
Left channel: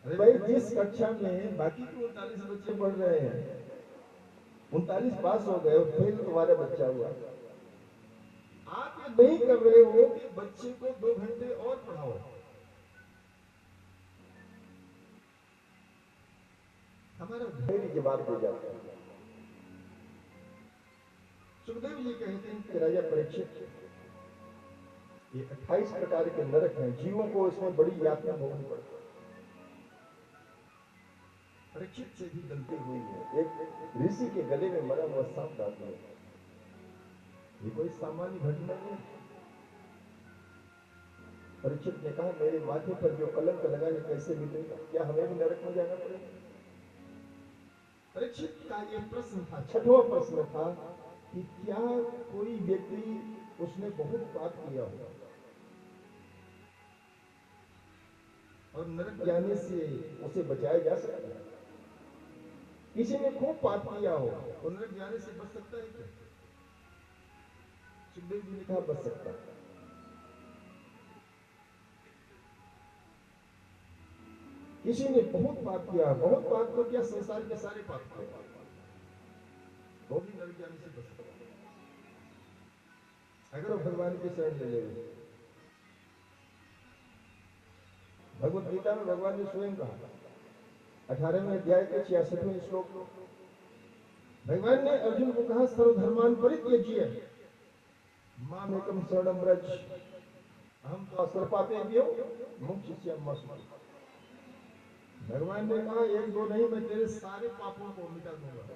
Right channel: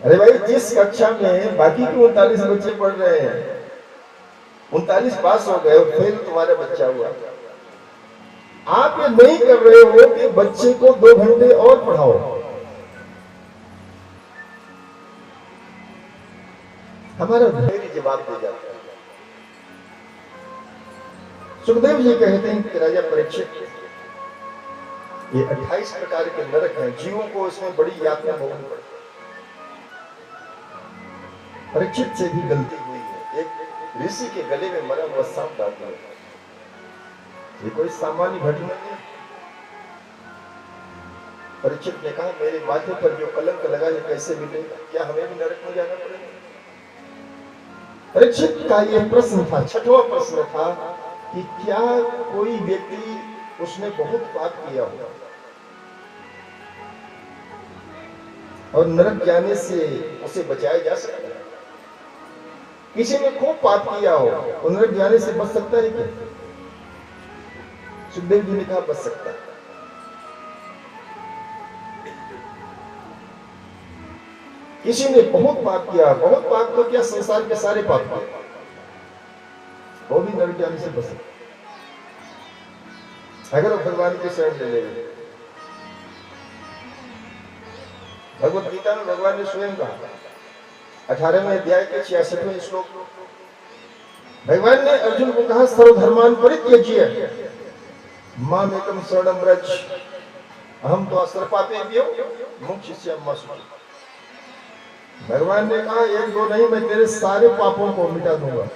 अरे भाई, जिस कक्षा में बाकी के 39 बच्चे पढ़ रहे हैं, 39 पास हो गए और फेल तुम्हारा बच्चा हुआ, आप ये नहीं कर रहे हो कि बच्चे को 2 घंटे और पढ़ाओ। हमारा धैर्य जवाब दे जाता है। सुखदेव जी कहते हैं कि राजा परीक्षित, ये 28 प्रकार के नरक हैं, जीवों को इसमें बड़ी यातना भोगनी पड़ती है। परीक्षित से भी गलती हुई है, एक ऋषि के गले में मरा हुआ सांप डाल दिया। ये कोई सामान्य घटना नहीं। परीक्षित ने कहा, मेरे माथे पर जो कलंक लगा है कैसे मिटेगा, क्या हमें भी नरक में जाना पड़ेगा? परीक्षित का यह प्रश्न था, 6वां प्रश्न था कि क्या कोई व्यक्ति, उसने बहुत पाप किया हो और नरक जाने से उसे बचाया जा सकता है? किसी ने खूब पाप किया हो और नरक जाने से बच सकता है क्या? सुखदेव जी ने कहा, बच सकता है। किसी ने बहुत पाप किया, बहुत पाप तो क्या, संसार के सारे पाप किए, वो भी नरक जाने से बच सकता है अगर वो भगवान की शरण ले लेंगे। भगवत गीता में भगवान ने स्वयं कहा, 18वें अध्याय के 66वें श्लोक, भगवान ने अर्जुन को कहा, सर्वधर्मान् परित्यज्य माम एकम शरणं व्रज अहम त्वा सर्वपापेभ्यो मोक्षयिष्यामि मा शुचि। भगवान ने कहा, 1-2 नहीं, मैं तेरे सारे पापों को मिटा दूंगा,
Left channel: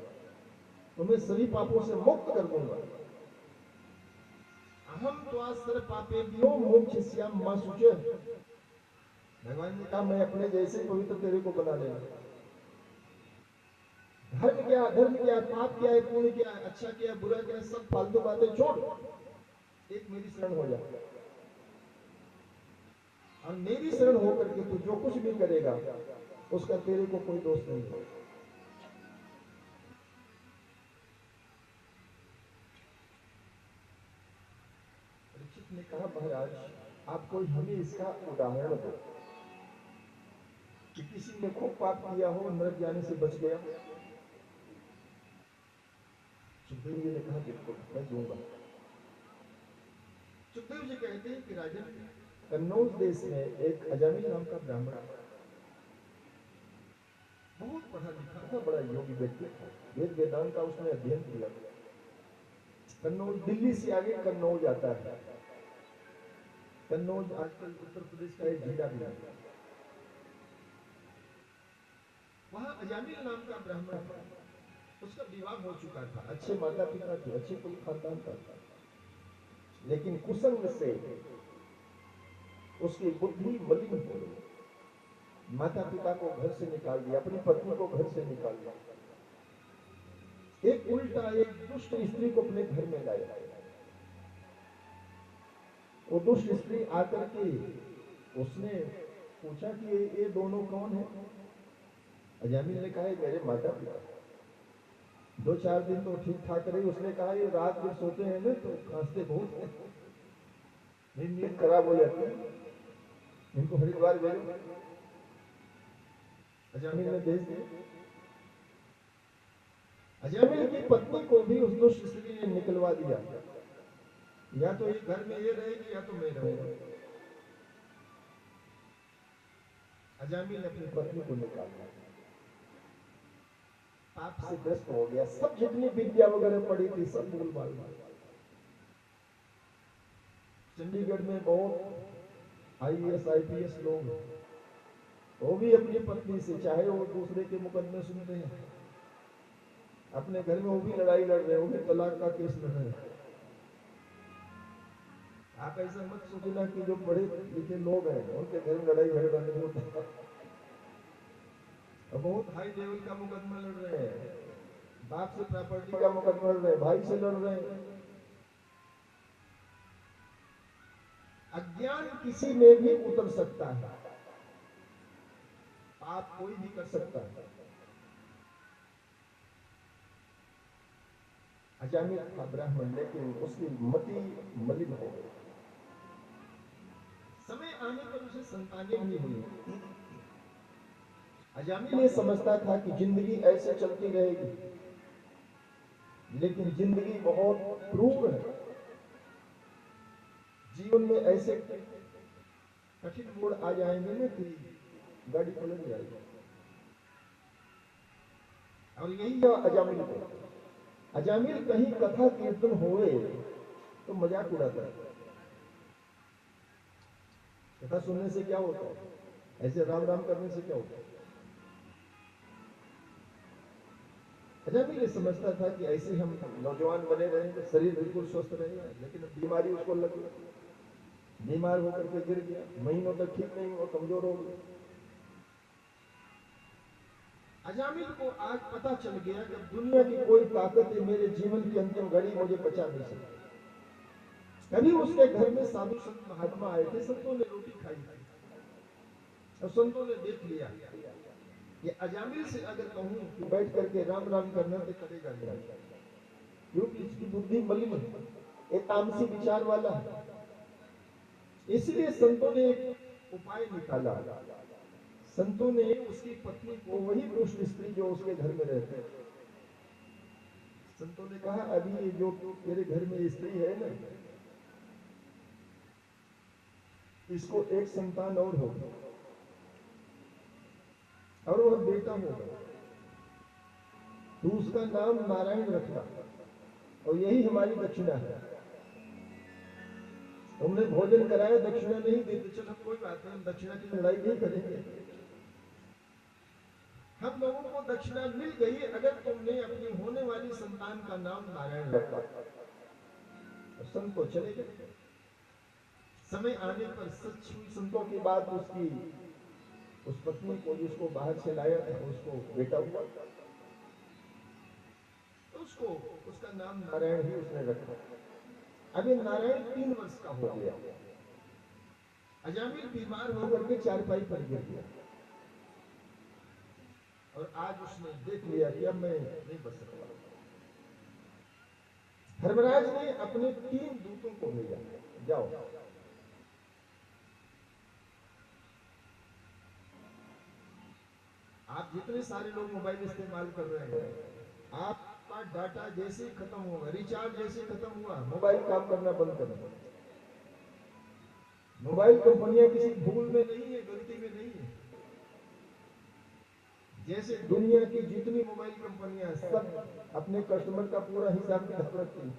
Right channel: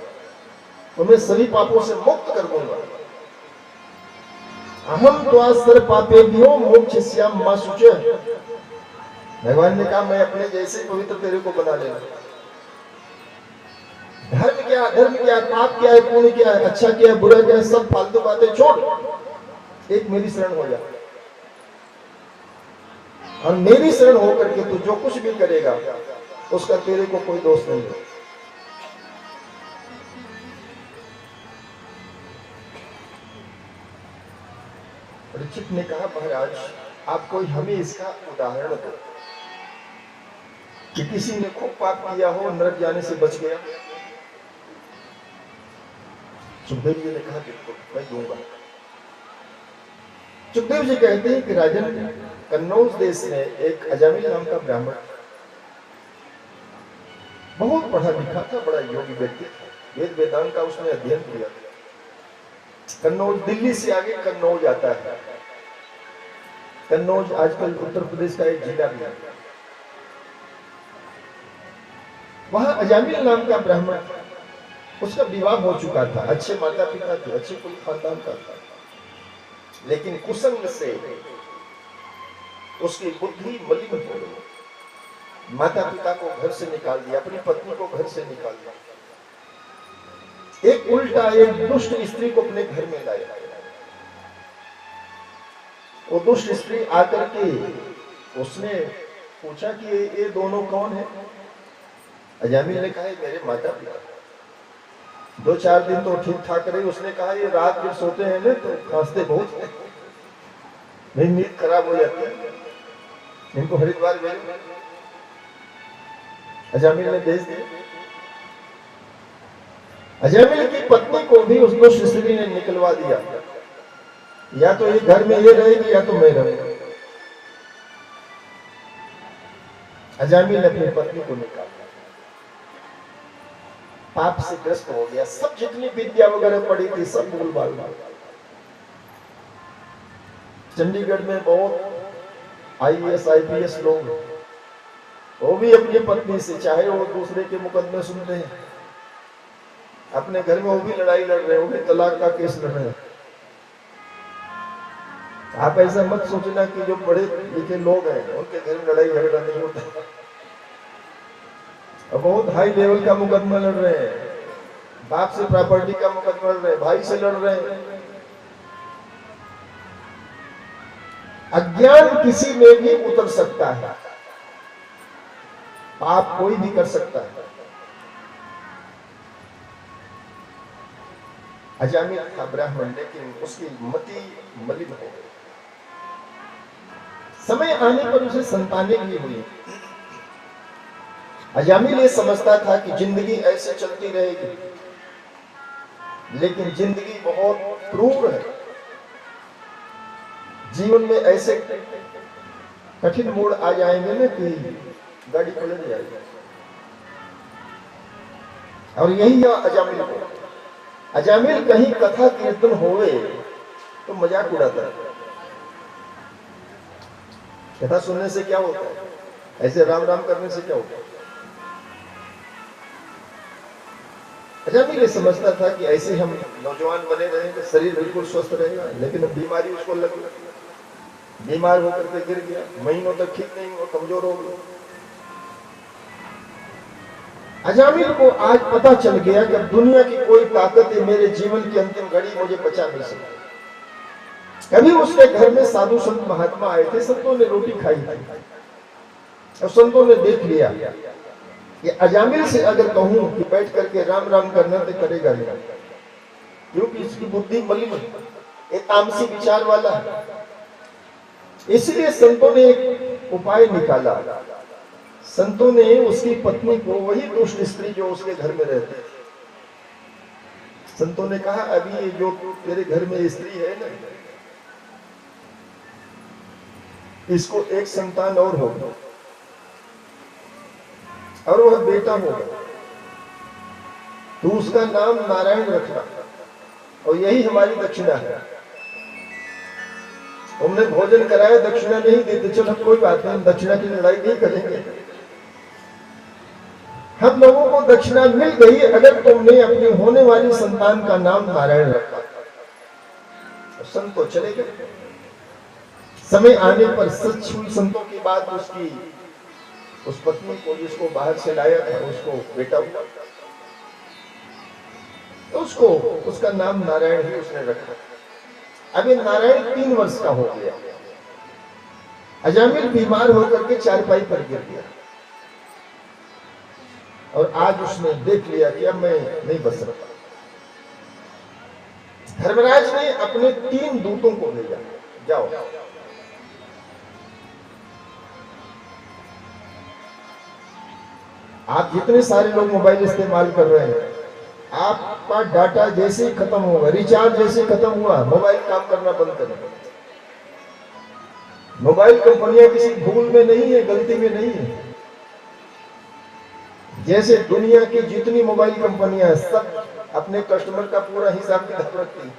तुम्हें सभी पापों से मुक्त कर दूंगा। अहम त्वा सर्वपापेभ्यो मोक्षयिष्यामि मा शुचि। भगवान ने कहा, मैं अपने जैसे पवित्र तेरे को बना लेगा। धर्म क्या, अधर्म क्या, पाप क्या है, पुण्य क्या है, अच्छा क्या है, बुरा क्या है, सब फालतू बातें छोड़, एक मेरी शरण हो जा, और मेरी शरण होकर के तू जो कुछ भी करेगा उसका तेरे को कोई दोष नहीं है। परीक्षित ने कहा, महाराज आप कोई हमें इसका उदाहरण दो कि किसी ने खूब पाप किया हो, नरक जाने से बच गया। सुखदेव जी ने कहा, बिल्कुल मैं दूंगा। सुखदेव जी कहते हैं कि राजन, कन्नौज देश में एक अजामिल नाम का ब्राह्मण, बहुत पढ़ा लिखा था, बड़ा योगी व्यक्ति था, वेद वेदांत का उसने अध्ययन किया। कन्नौज दिल्ली से आगे कन्नौज आता है। कन्नौज आजकल उत्तर प्रदेश का एक जिला भी है। वहां अजामिल नाम का ब्राह्मण था, उसका विवाह हो चुका था, अच्छे माता पिता थे, अच्छे कुल खानदान का था, लेकिन कुसंग से उसकी बुद्धि मलिन हो गई। माता पिता को घर से निकाल दिया, अपनी पत्नी को घर से निकाल दिया, एक उल्टा एक दुष्ट स्त्री को अपने घर में लाया। वो दुष्ट स्त्री आकर के उसने पूछा कि ये दोनों कौन है? अजामिल ने कहा मेरे माता पिता। 2-4 दिन तो ठीक ठाक रही, उसने कहा ये रात में सोते हैं ना तो खांसते बहुत हैं, मेरी नींद खराब हो जाती है, इनको हरिद्वार भेजो। अजामिल ने भेज दिया। अजामिल की पत्नी को भी उस दुष्ट स्त्री ने निकलवा दिया, या तो ये घर में ये रहेगी या तो मैं रहूंगा। अजामिल ने अपनी पत्नी को निकाला, पाप से ग्रस्त हो गया, सब जितनी विद्या वगैरह पड़ी थी सब भूल भाल गया। चंडीगढ़ में बहुत IAS IPS लोग, वो भी अपनी पत्नी से, चाहे वो दूसरे के मुकदमे सुनते हैं, अपने घर में वो भी लड़ाई लड़ रहे हैं, वो भी तलाक का केस लड़ रहे हैं। आप ऐसा मत सोचना कि जो पढ़े लिखे लोग हैं उनके घर में लड़ाई झगड़ा नहीं होता, बहुत हाई लेवल का मुकदमा लड़ रहे हैं, बाप से प्रॉपर्टी का मुकदमा लड़ रहे हैं, भाई से लड़ रहे हैं। अज्ञान किसी में भी उतर सकता है, पाप कोई भी कर सकता है। अजामिल था ब्राह्मण, लेकिन उसकी मति मलिन हो गई। समय आने पर उसे संतानें भी हुई। अजामिल ये समझता था कि जिंदगी ऐसे चलती रहेगी, लेकिन जिंदगी बहुत क्रूर है, जीवन में ऐसे कठिन मोड़ आ जाएंगे ना कि गाड़ी पलट जाएगी। और यही है अजामिल को। अजामिल कहीं कथा कीर्तन होवे तो मजाक उड़ाता है, कथा सुनने से क्या होता है, ऐसे राम राम करने से क्या होता है। अजामिल ये समझता था कि ऐसे हम नौजवान बने रहेंगे, शरीर बिल्कुल स्वस्थ रहेगा, लेकिन अब बीमारी उसको लगी, बीमार होकर के गिर गया, महीनों तक ठीक नहीं हुआ, कमजोर हो गया। अजामिल को आज पता चल गया कि अब दुनिया की कोई ताकत है मेरे जीवन की अंतिम घड़ी मुझे बचा नहीं सकती। कभी उसके घर में साधु संत महात्मा आए थे, संतों ने रोटी खाई थी, और संतों ने देख लिया कि अजामिल से अगर कहूं कि बैठ करके राम राम करना तो करेगा नहीं, क्योंकि इसकी बुद्धि मलिन है, एक तामसी विचार वाला है। इसलिए संतों ने एक उपाय निकाला। संतों ने उसकी पत्नी को, वही दुष्ट स्त्री जो उसके घर में रहती थी, संतों ने कहा अभी ये जो तेरे घर में स्त्री है ना, इसको एक संतान और होगा, और वह बेटा होगा, तो उसका नाम नारायण रखना, और यही हमारी दक्षिणा है। तुमने भोजन कराया, दक्षिणा नहीं देते, चलो कोई बात नहीं, दक्षिणा की लड़ाई नहीं करेंगे, हम लोगों को दक्षिणा मिल गई अगर तुमने अपनी होने वाली संतान का नाम नारायण रखा। तो संत तो चले गए। समय आने पर सच हुई संतों की बात, उसकी उस पत्नी को जिसको बाहर से लाया था उसको बेटा हुआ, तो उसको उसका नाम नारायण ही उसने रखा। अभी नारायण 3 वर्ष का हो गया। अजामिल बीमार होकर के चारपाई पर गिर गया, और आज उसने देख लिया कि अब मैं नहीं बच सकता। धर्मराज ने अपने 3 दूतों को भेजा, जाओ आप जितने सारे लोग मोबाइल इस्तेमाल कर रहे हैं, आपका डाटा जैसे ही खत्म होगा, रिचार्ज जैसे खत्म हुआ, मोबाइल काम करना बंद करें। मोबाइल कंपनियां किसी भूल में नहीं है, गलती में नहीं है। जैसे दुनिया की जितनी मोबाइल कंपनियां हैं, सब अपने कस्टमर का पूरा हिसाब किताब रखती है।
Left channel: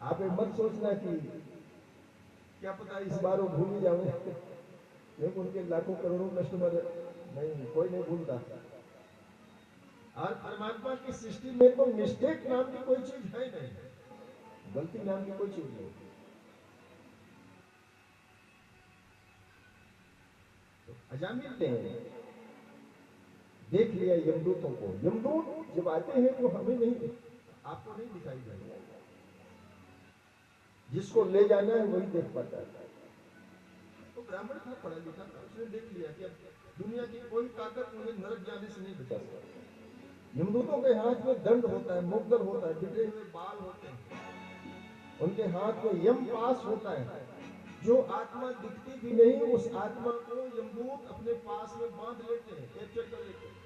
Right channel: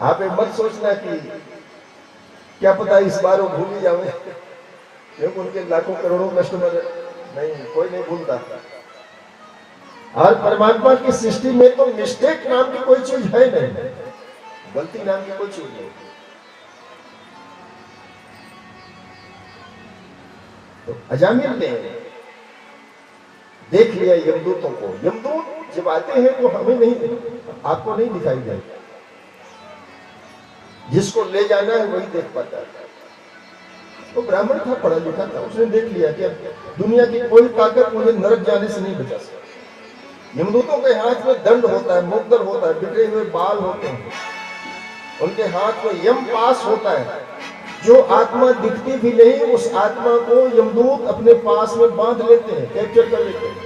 आप एक मत सोचना कि क्या पता इस बार वो भूल ही जाओगे, क्योंकि उनके लाखों करोड़ों कस्टमर है। नहीं, कोई नहीं भूलता। और परमात्मा की सृष्टि में तो मिस्टेक नाम की कोई चीज है नहीं, गलती नाम की कोई चीज नहीं। तो अजामिल ने देख लिया यमदूतों को। यमदूत जब आते हैं तो हमें नहीं, आपको नहीं दिखाई देता, जिसको ले जाना है वही देख पाता है। तो ब्राह्मण था, पढ़ा लिखा था, उसने देख लिया कि दुनिया की कोई ताकत मुझे नरक जाने से नहीं बचा सकती। यमदूतों के हाथ में दंड होता है, मुकद्दर होता है, बिखरे हुए बाल होते हैं, उनके हाथ में यम पास होता है। जो आत्मा दिखती भी नहीं, उस आत्मा को यमदूत अपने पास में बांध लेते हैं, कैप्चर कर लेते हैं।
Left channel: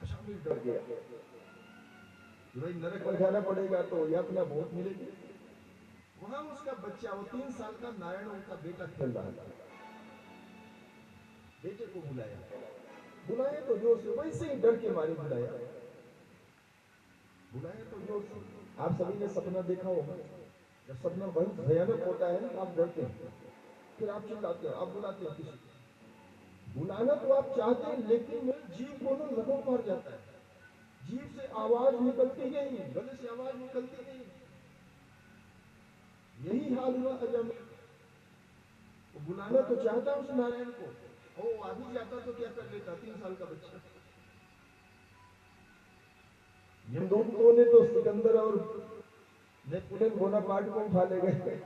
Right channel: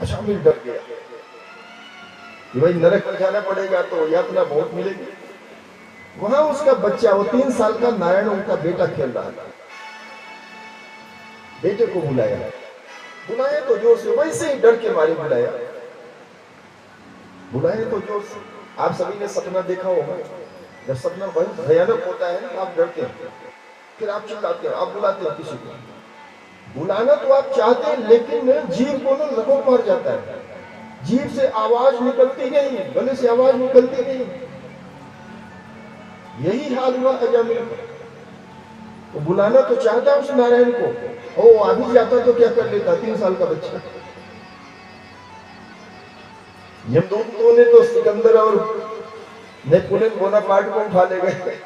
अच्छा, मिल डर गया कि भाई नरक में जाना पड़ेगा तो यातना बहुत मिलेगी। वहां उसका बच्चा, वो 3 साल का नारायण, उनका बेटा खेल रहा था। बेटे को बुलाया तो जोर से, वैसे ही डर के मारे बुलाया तो जोर से। आप सभी ने सपना देखा होगा, जब सपना बहुत भयानक होता है ना, आप डरते हैं, फिर आप चिल्लाते हैं, आप बुलाते हैं किसी को। बुलाना तो आप चाहते हैं, लेकिन जीव को ना लकोट मार जाता है, जीव से आवाज निकलती नहीं, गले से आवाज निकलती नहीं। यही हाल हुआ अजामिल का। तो बुलाना तो चाहता उस नारायण को, ओ आ भी जाता तो क्या कर लेता, 3 साल का बच्चा। यमदूतों ने तो सिकंदर और नेपोलियन बोनापार्ट को उठा ले गए।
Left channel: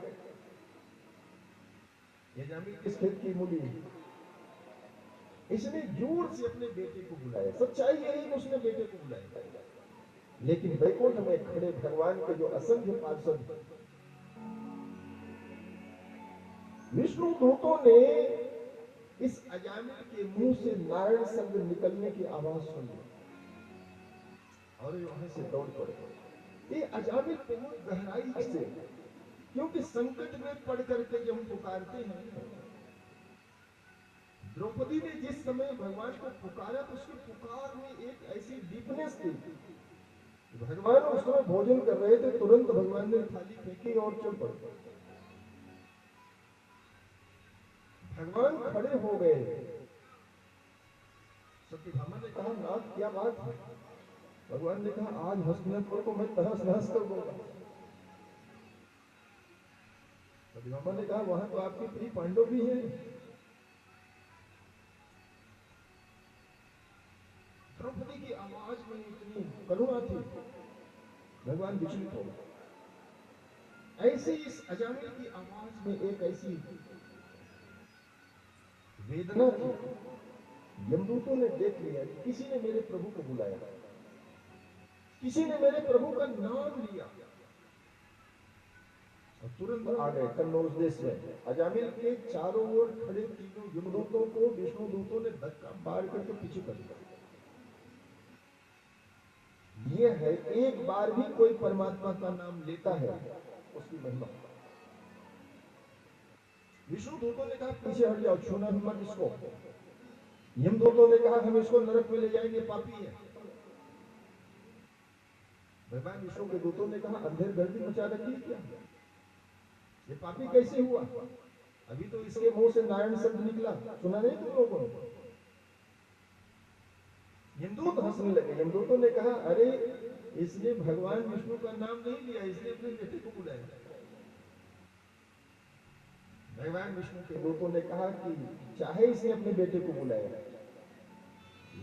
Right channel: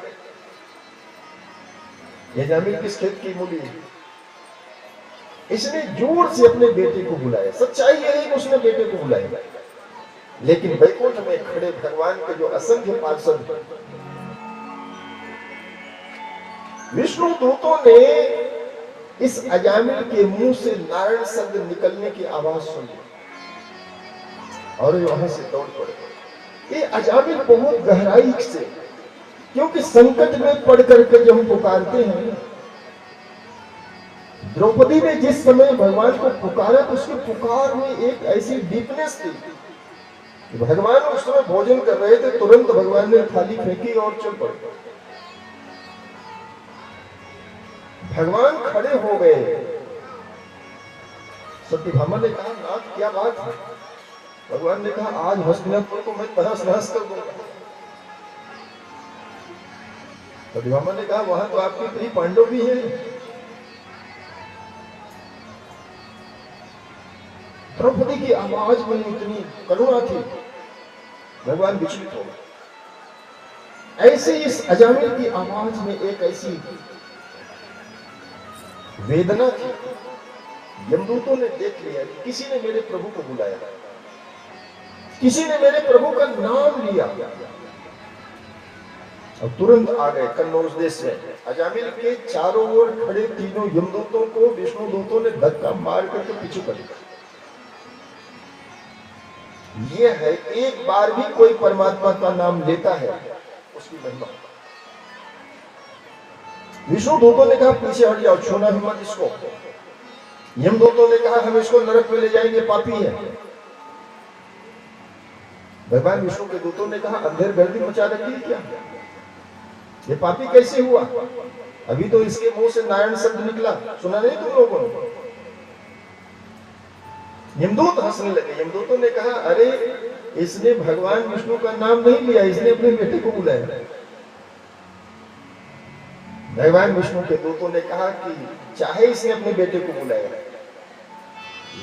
अजामिल किस खेत की मूली है। इसने जोर से अपने बेटे को बुलाया। सच्चाई यह है कि उसने बेटे को बुलाया, लेकिन बैकुंठ में खड़े भगवान के जो असंख्य पार्षद, विष्णु दूतों ने इस अजामिल के मुंह से नारायण शब्द निकलने की आवाज सुनी और वहां से दौड़ पड़े। ये अजामिल बहुत गहराई से, क्योंकि संकट में पड़ करके जब हम पुकारते हैं, द्रौपदी ने जिस समय भगवान को पुकारा तो उसके पुकार में एक ऐसी डीपनेस थी कि भगवान उस समय भोजन कर रहे थे, तुरंत भगवान ने थाली फेंकी और चल पड़े। भगवान खड़े हो गए। सत्यभामा ने कहा, नाथ क्या बात है? भगवान ने कहा, आज हस्तिनापुर को मैं तहस नहस कर दूंगा। सत्यभामा ने कहा, वहां तो आपके प्रिय पांडव भी हैं। द्रौपदी की आवाज में इतनी करुणा थी, भगवान विचलित हो गए। ऐसे इस अजामिल की आवाज में एक ऐसी वेदना थी। यमदूतों ने देख लिया कि किसी ने मेरे प्रभु को बुलाया, किसी ने मेरे प्रभु का नाम लिया, और तुरंत आ गए कन्नौज देश में। अजामिल के चारों ओर खड़े तीनों यमदूतों को विष्णु दूतों ने धक्का मार करके पीछे कर दिया। यह है, एक बार भी कोई परमात्मा का नाम लेता है उसकी महिमा। विष्णु दूतों ने कहा, पीछे हट जाओ, छूना भी मत इसको। यमदूतों ने कहा, हम इसको नरक में ले जाएंगे, पापी है। भगवान विष्णु के दूतों ने कहा, अंधेर गर्दी मचा रखी है क्या? ये पापी कैसे हुआ? अभी तो इसके मुंह से नारायण शब्द निकला, सुना नहीं तुम लोगों ने? यमदूत हंसने लगे। यमदूतों ने कहा, अरे इसने भगवान विष्णु का नाम नहीं लिया, इसने अपने बेटे को बुलाया। भगवान विष्णु के दूतों ने कहा कि चाहे इसने अपने बेटे को बुलाया,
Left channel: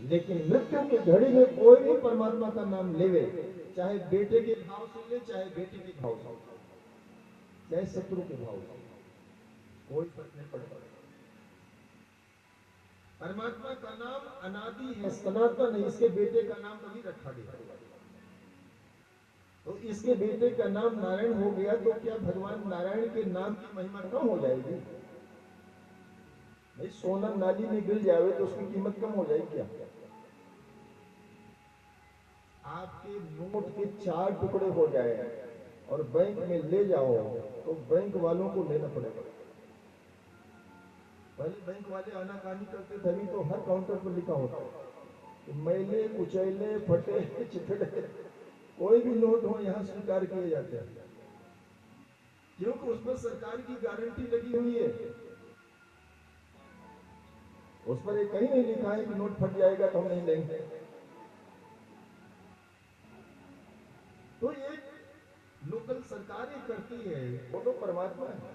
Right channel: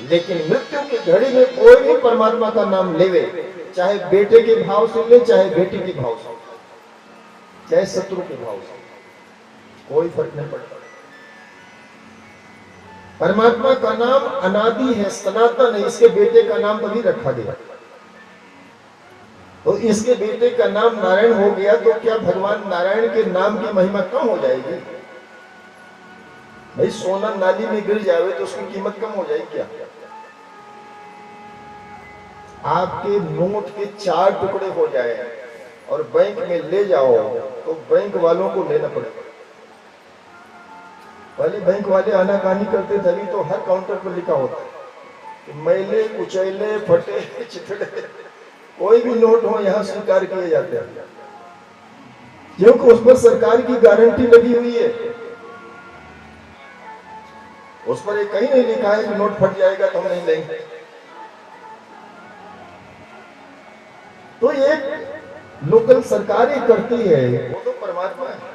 लेकिन मृत्यु की घड़ी में कोई भी परमात्मा का नाम लेवे, चाहे बेटे के भाव से ले, चाहे बेटी के भाव से, चाहे शत्रु के भाव से, कोई फर्क नहीं पड़ता। परमात्मा का नाम अनादि है, सनातन है। इसके बेटे का नाम तभी रखा गया। तो इसके बेटे का नाम नारायण हो गया, तो क्या भगवान नारायण के नाम की महिमा कम हो जाएगी? भाई सोना नाली में गिर जाए तो उसकी कीमत कम हो जाएगी क्या? आपके नोट के 4 टुकड़े हो जाए और बैंक में ले जाओ तो बैंक वालों को लेना पड़ेगा। पहले बैंक वाले आनाकानी करते थे, अभी तो हर काउंटर पर लिखा होता है कि मैले कुचैले फटे चिथड़े कोई भी नोट हो यहाँ स्वीकार किए जाते हैं, क्योंकि उस पर सरकार की गारंटी लगी हुई है। उस पर एक कहीं नहीं लिखा है कि नोट फट जाएगा तो हम नहीं लेंगे। तो ये लोकल सरकारें करती है, वो तो परमात्मा है।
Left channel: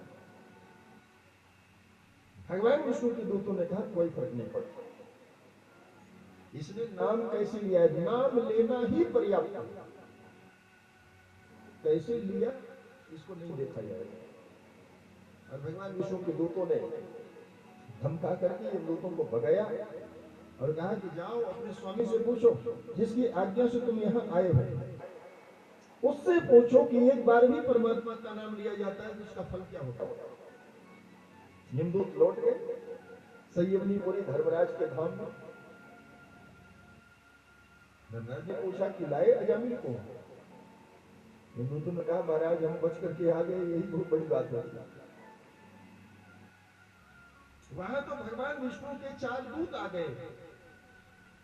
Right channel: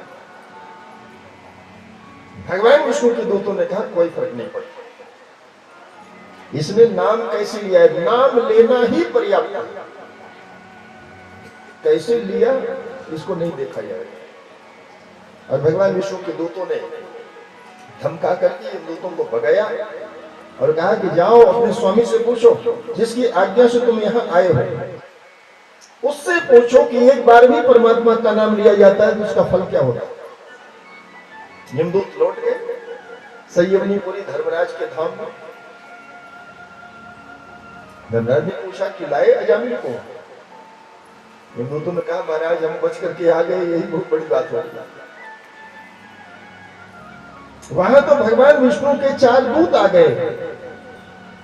भगवान विष्णु के दूतों ने कहा कोई फर्क नहीं पड़ता, इसने नाम कैसे लिया है, नाम लेना ही पर्याप्त है। कैसे लिया इसको नहीं देखा जाएगा। और भगवान विष्णु के दूतों ने धमका करके इन दूतों को भगाया और कहा कि जाओ अपने स्वामी से पूछो, जिसकी आज्ञा से तुम यहाँ आए हो, उससे पूछो कि एक बार भी परमात्मा का नाम लिया जाता है तो उसका फल क्या होता है। यमदूत लौट गए संयमनीपुरी धर्मराज के धाम में। धर्मराज ने पूछा कि लाए अजामिल को। यमदूतों ने कहा महाराज हम बच करके आ गए, यही बहुत बड़ी बात हो। वहां तो भगवान विष्णु के 4 दूत आ गए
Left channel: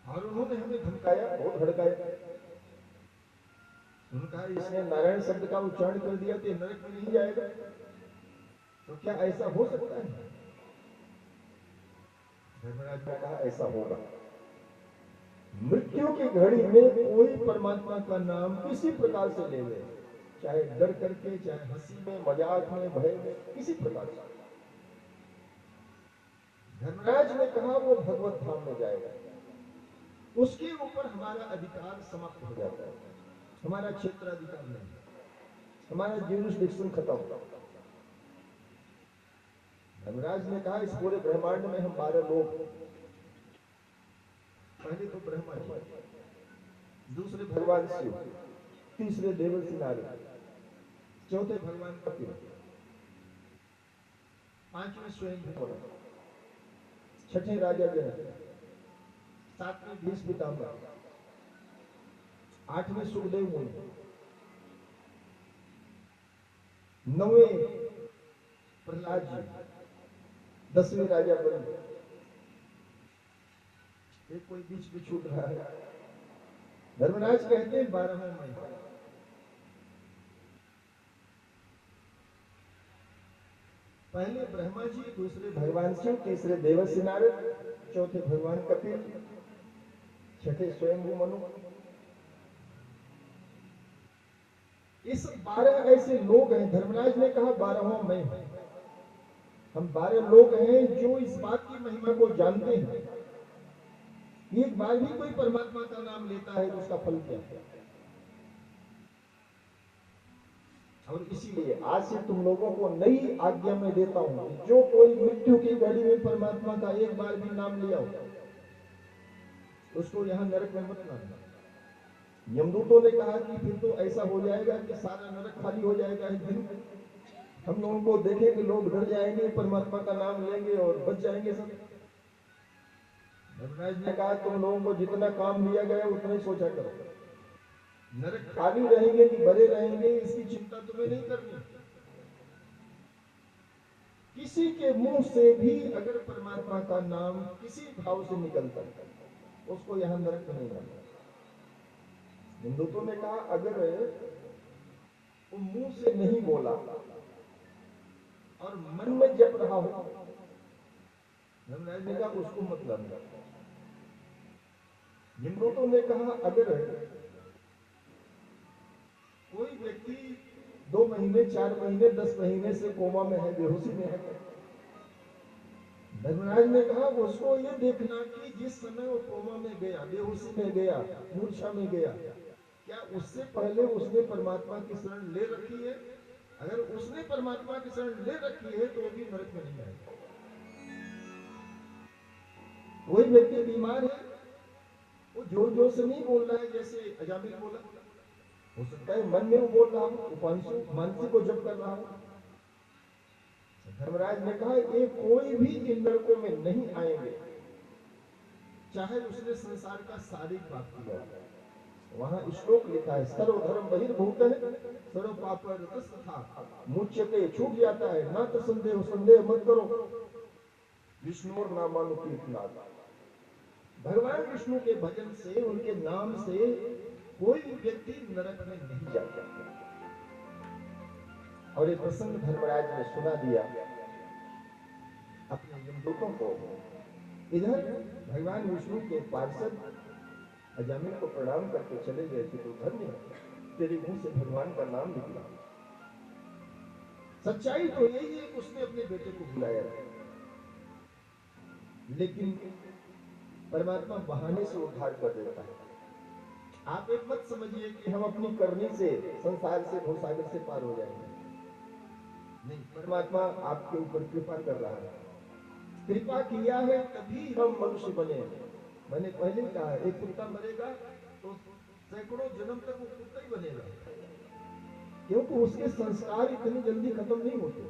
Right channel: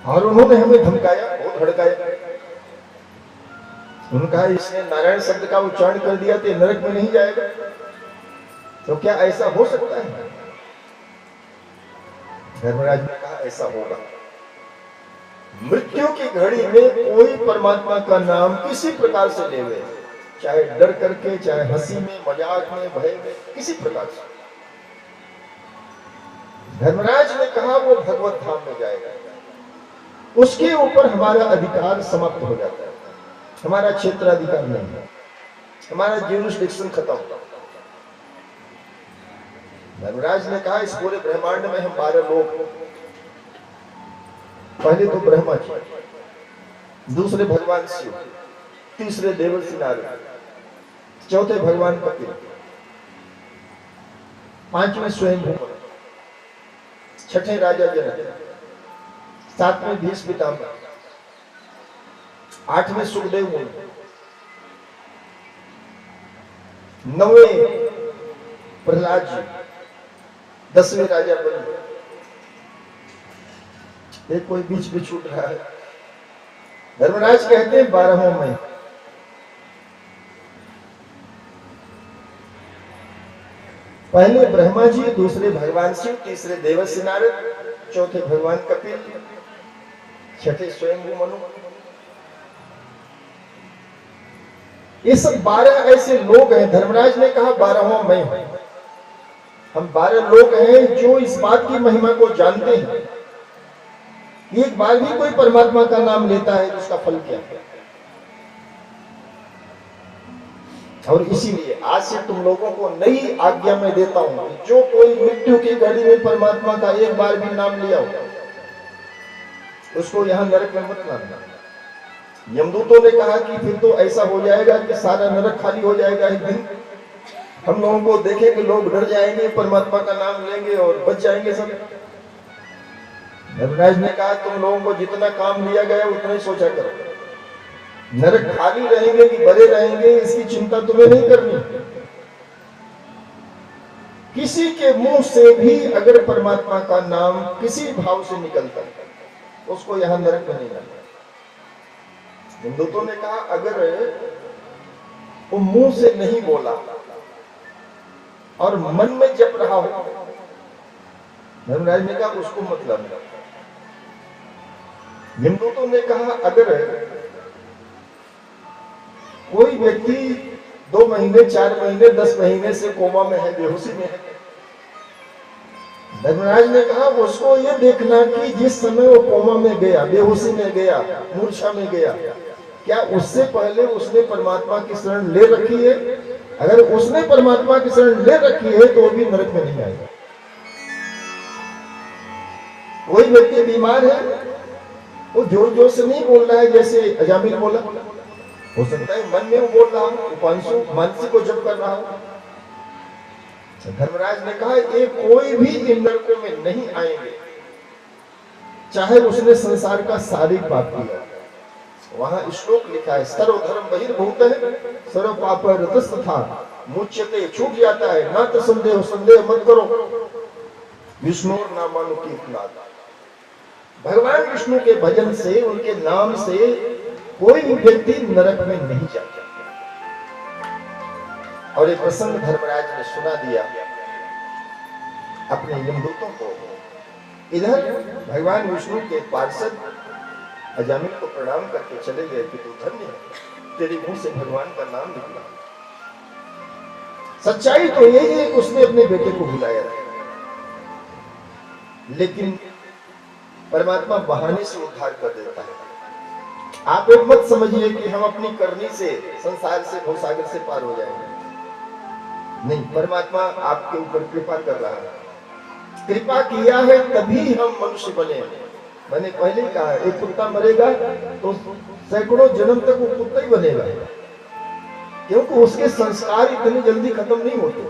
और उन्होंने हमें धमकाया, बहुत हड़काया। उन्होंने कहा इसने नारायण शब्द का उच्चारण कर दिया तो नरक में नहीं जाएगा। तो क्या ऐसा हो सकता है? धर्मराज ने कहा ऐसा होगा। मृत्यु की घड़ी में कोई परमात्मा का नाम किसी प्रकार से लेवे, चाहे डर करके, चाहे हंसी में, मजाक में, भय में, किसी प्रकार से। धर्मराज ने कहा वो भगवत धाम में जाएगा, उसके ऊपर हमारा अधिकार समाप्त हो जाता है, हमारा क्षेत्राधिकार नहीं है, हमारा ज्यूरिसडिक्शन खत्म। धर्मराज ने कहा इस पूरे ब्रह्मांड में हम 12 लोग, पहले तो ब्रह्मा जी, दूसरे भगवान शिव, तीसरे देवर्षि नारद, चौथे भगवान कपिल, 5वें स्वयंभू मनु, 6ठे राजा जनक, 7वें भीष्म पितामह, 8वें सुखदेव मुनि, 9वें प्रहलाद जी, 10वें राजा बलि। एक कोई बीच में छूट रहा है। धर्मराज कहते हैं 12वें में पहले ब्रह्मा जी, दूसरे भगवान शिव, तीसरे देवर्षि नारद, चौथे भगवान कपिल, 6ठे स्वयंभू मनु। ये सब 12 ऐसे लोग हैं। धर्मराज ने कहा 12वां मैं हूं। हम 12 लोग हैं जो इस बात की महिमा को जानते हैं कि एक बार भी कोई परमात्मा का नाम लेता है तो उसका फल क्या है। और इसीलिए आज से तुम लोगों को नई आज्ञा में देता हूं, जो कोई मृत्यु की घड़ी में परमात्मा का एक बार भी नाम लिया हो उसको यहां नरक में मत लाना। यमदूतों ने कहा कि फिर तो ऐसा हो जाएगा कि सारा नरक खाली हो जाएगा। एक दिन हम लोगों को देखेंगे, लोग डर जाएंगे, परमात्मा का नाम लेंगे और बच जाएंगे सब। धर्मराज ने कहा तुम लोगों को जितना काम लिया गया उतना ही सोचा करो। नरक खाली रहेंगे कि भरे रहेंगे इसकी चिंता तुम्हें नहीं करनी। किसी के मुंह से भी अगर परमात्मा का नाम किसी भाव से निकलता है उसको यहां नरक में नहीं लाना। हिंदुओं ने कहा अगर वो मुंह से नहीं बोला और मन में जप रहा हो, धर्मराज ने कहा उसको मत लाना। हिंदुओं ने कहा अगर कोई व्यक्ति 2 महीने, 4 महीने, 10 महीने से कोमा में है, बेहोशी में है, धर्मराज ने कहा उसको ये देखना कि जिस समय वो कोमा में गया, बेहोशी में गया, मूर्छा में गया, क्या उससे पहले उसने परमात्मा की शरण ले रखी है। अगर उसने परमात्मा की शरण ले रखी है तो वो भी नरक में नहीं आएगा। कोई व्यक्ति बीमार है, वो जोर जोर से नहीं बोल रहा है जैसे अजामिल बोला, हो सकता है मन में वो बोल रहा हो, उपांशु मानसिक को जप कर रहा हो। धर्मराज ने कहा ये कोई भी इन नरकों में नहीं आएंगे चाहे उसने संसार का शारीरिक पाप किया। वहां श्लोक लिखा है सर्वधर्म बहिर्भूत है सर्व पाप रतस्तथा मुच्यते, छूट जाता है ना तो संदेह, संदेह मत करो। विष्णु नामानुकीर्तनात्, भगवान विष्णु के भजन से, उनके नाम से कोई भी व्यक्ति नरक में नहीं जाता। और एक प्रसंग धर्मराज ने सुना दिया अपने यमदूतों को इधर भगवान विष्णु के पार्षद अजामिल को प्रणाम करके चले गए कि तू धन्य है, तेरे मुंह से भगवान का नाम निकला। सच्चाई तो यही है कि उसने अपने बेटे को बुलाया था, लेकिन परमात्मा बहाने से उद्धार कर देता है। आप एक मत समझिए कि हम अपनी करनी से संसार से भवसागर से पार हो जाएंगे, नहीं, परमात्मा आपके ऊपर कृपा कर रहा है। कृपा किया है तभी हम मनुष्य बने। मैंने पहले ही कहा, एक कुत्ता मरेगा तो सैकड़ों जन्म तक वो कुत्ता ही बनेगा, क्योंकि उसके संस्कार इतनी जल्दी खत्म नहीं होते।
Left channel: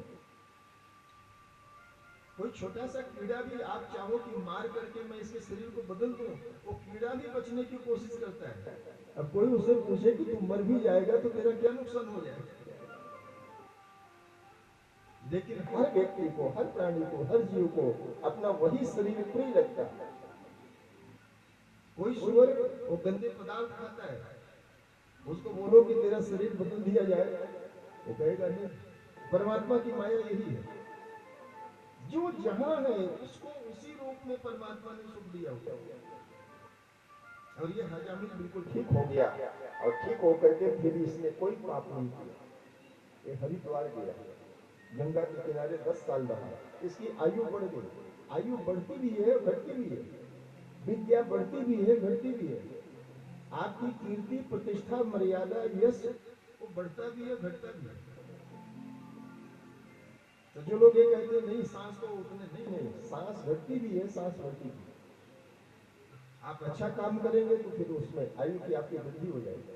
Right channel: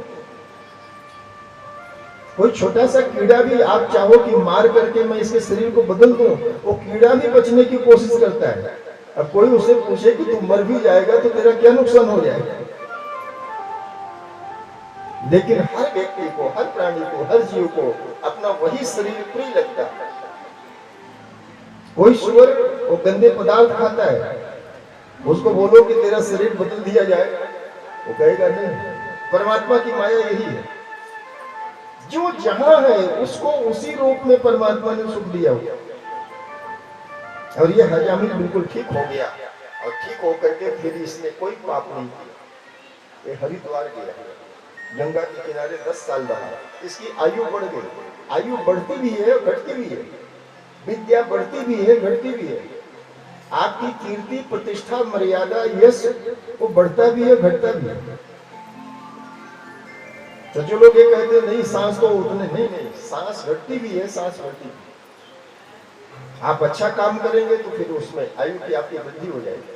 कोई छोटा सा कीड़ा भी आप चाहो कि मार करके मैं इसके शरीर को बदल दूं, वो कीड़ा भी बचने की कोशिश करता है। अब कोई उसे पूछे कि तू मर भी जाएगा तो तेरा क्या नुकसान हो जाएगा, लेकिन हर व्यक्ति को, हर प्राणी को, हर जीव को अपना वही शरीर प्रिय लगता है। कोई सुअर वो गंदे पदार्थ खाता है, उसको बोलो कि तेरा शरीर बदल दिया जाए, वो कहेगा नहीं। परमात्मा की माया यही है, जो जहां है उसको उसी रूप में परमात्मा ने सुख दिया हुआ। और ये हजामिल बिल्कुल ठीक हो गया, और ठीक होकर के फिर इसने कोई पाप नहीं किया। ये हरिद्वार गया, गंगा के किनारे 10 साल रहा। इसकी आयु बढ़ गई, आयु बढ़ती भी है घटती भी है, विद्या बढ़ती भी है घटती भी है। आपकी कीर्ति, प्रतिष्ठा, मर्यादा, यश वो बढ़ता भी है घटता भी है। तो जो लोग ये कहते हैं नहीं सांस तो उतने, नहीं, सांस घटती भी है, सांस बढ़ती भी है। आप अच्छा काम करेंगे तो फिर उसमें आयु की आपकी वृद्धि हो जाएगी।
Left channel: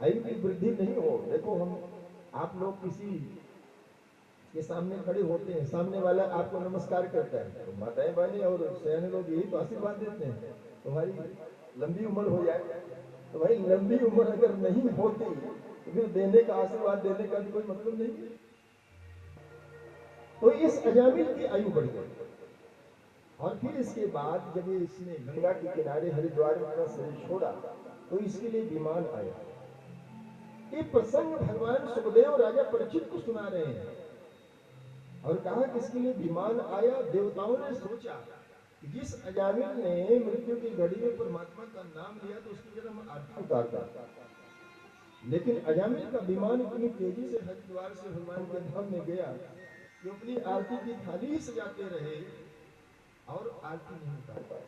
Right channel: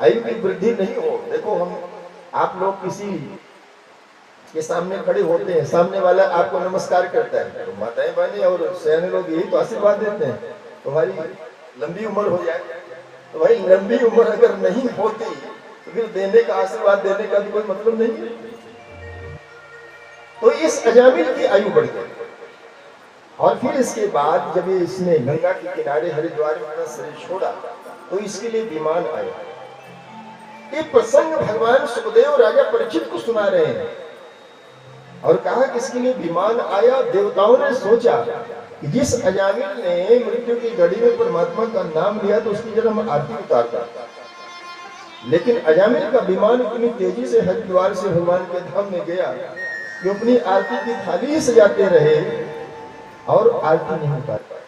आयु की वृद्धि नहीं हो, देखो हम आप लोग किसी के सामने खड़े होते हैं, सामने वाला आपको नमस्कार करता है, तो माताएं बहनें और सयाने लोग यही तो आशीर्वाद देते हैं तुम्हारी लंबी उम्र हो जाए। तो भाई लंबी उम्र अगर नहीं होती तो फिर देने का, आशीर्वाद देने का भी कोई मतलब नहीं है। तो इस अजामिल की आयु बढ़ गई, और फिर इसके बाद जब इसने गंगा के किनारे हरिद्वार में अपना शरीर छोड़ा तो इसके लिए विमान आया। ये प्रसंग भगवान सुखदेव राजा परीक्षित को सुना रहे हैं, और कहा कि इसके लिए विमान आया। देवताओं ने सोचा कि जिस अजामिल ने मृत्यु की घड़ी में परमात्मा का नाम लिया तो उसकी जरा हम आरती उतारता, लेकिन अजामिल का विमान इतनी तेजी से हरिद्वार से भगवान के धाम में गया कि अपनी आरती की थाली ही सजाते रहे और आरती नहीं उतार पाए।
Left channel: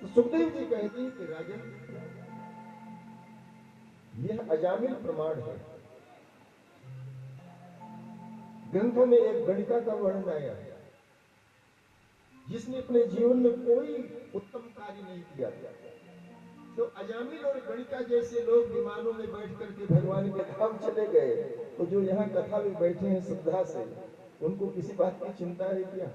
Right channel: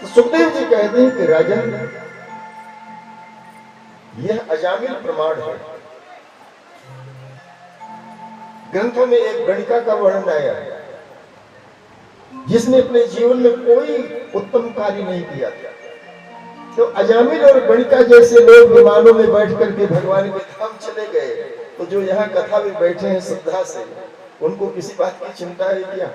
तो सुखदेव जी कहते हैं कि राजन, यह अजामिल प्रमाण है। ग्रंथों में एक गणिका का वर्णन आया है जिसने अपने जीवन में कोई उत्तम कार्य नहीं किया था। तो अजामिल और गणिका जैसे लोग विमानों में बैठ करके भगवान के धाम चले गए, तो जो यहाँ कथा में बैठे हैं श्रद्धा से, उनको किसी बात की चिंता है क्या?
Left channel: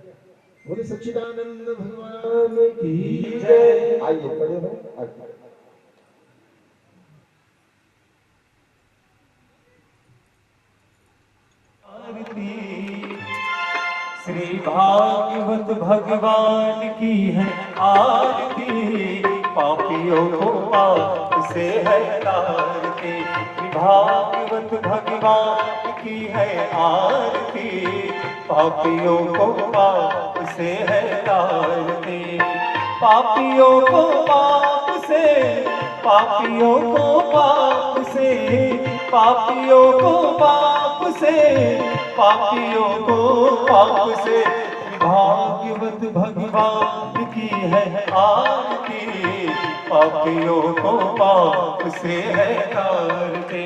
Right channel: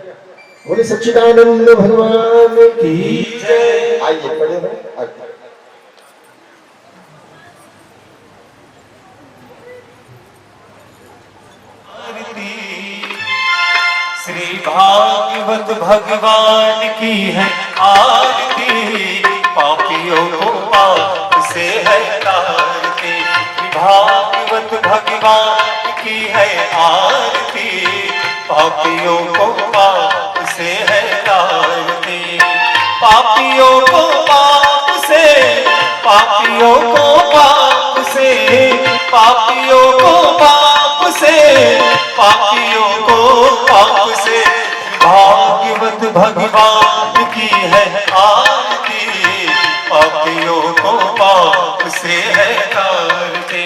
बोले सच्चिदानंद भगवान की जय। आइए खड़े हो आरती। श्री भागवत भगवान की है आरती, पापियों को पाप से है तारती। भागवत भगवान की है आरती, पापियों को पाप से है तारती। पापियों को पाप से, पापियों को पाप से, पापियों को पाप से, पापियों को पाप से। भागवत भगवान की है आरती, पापियों को पाप से है तारती।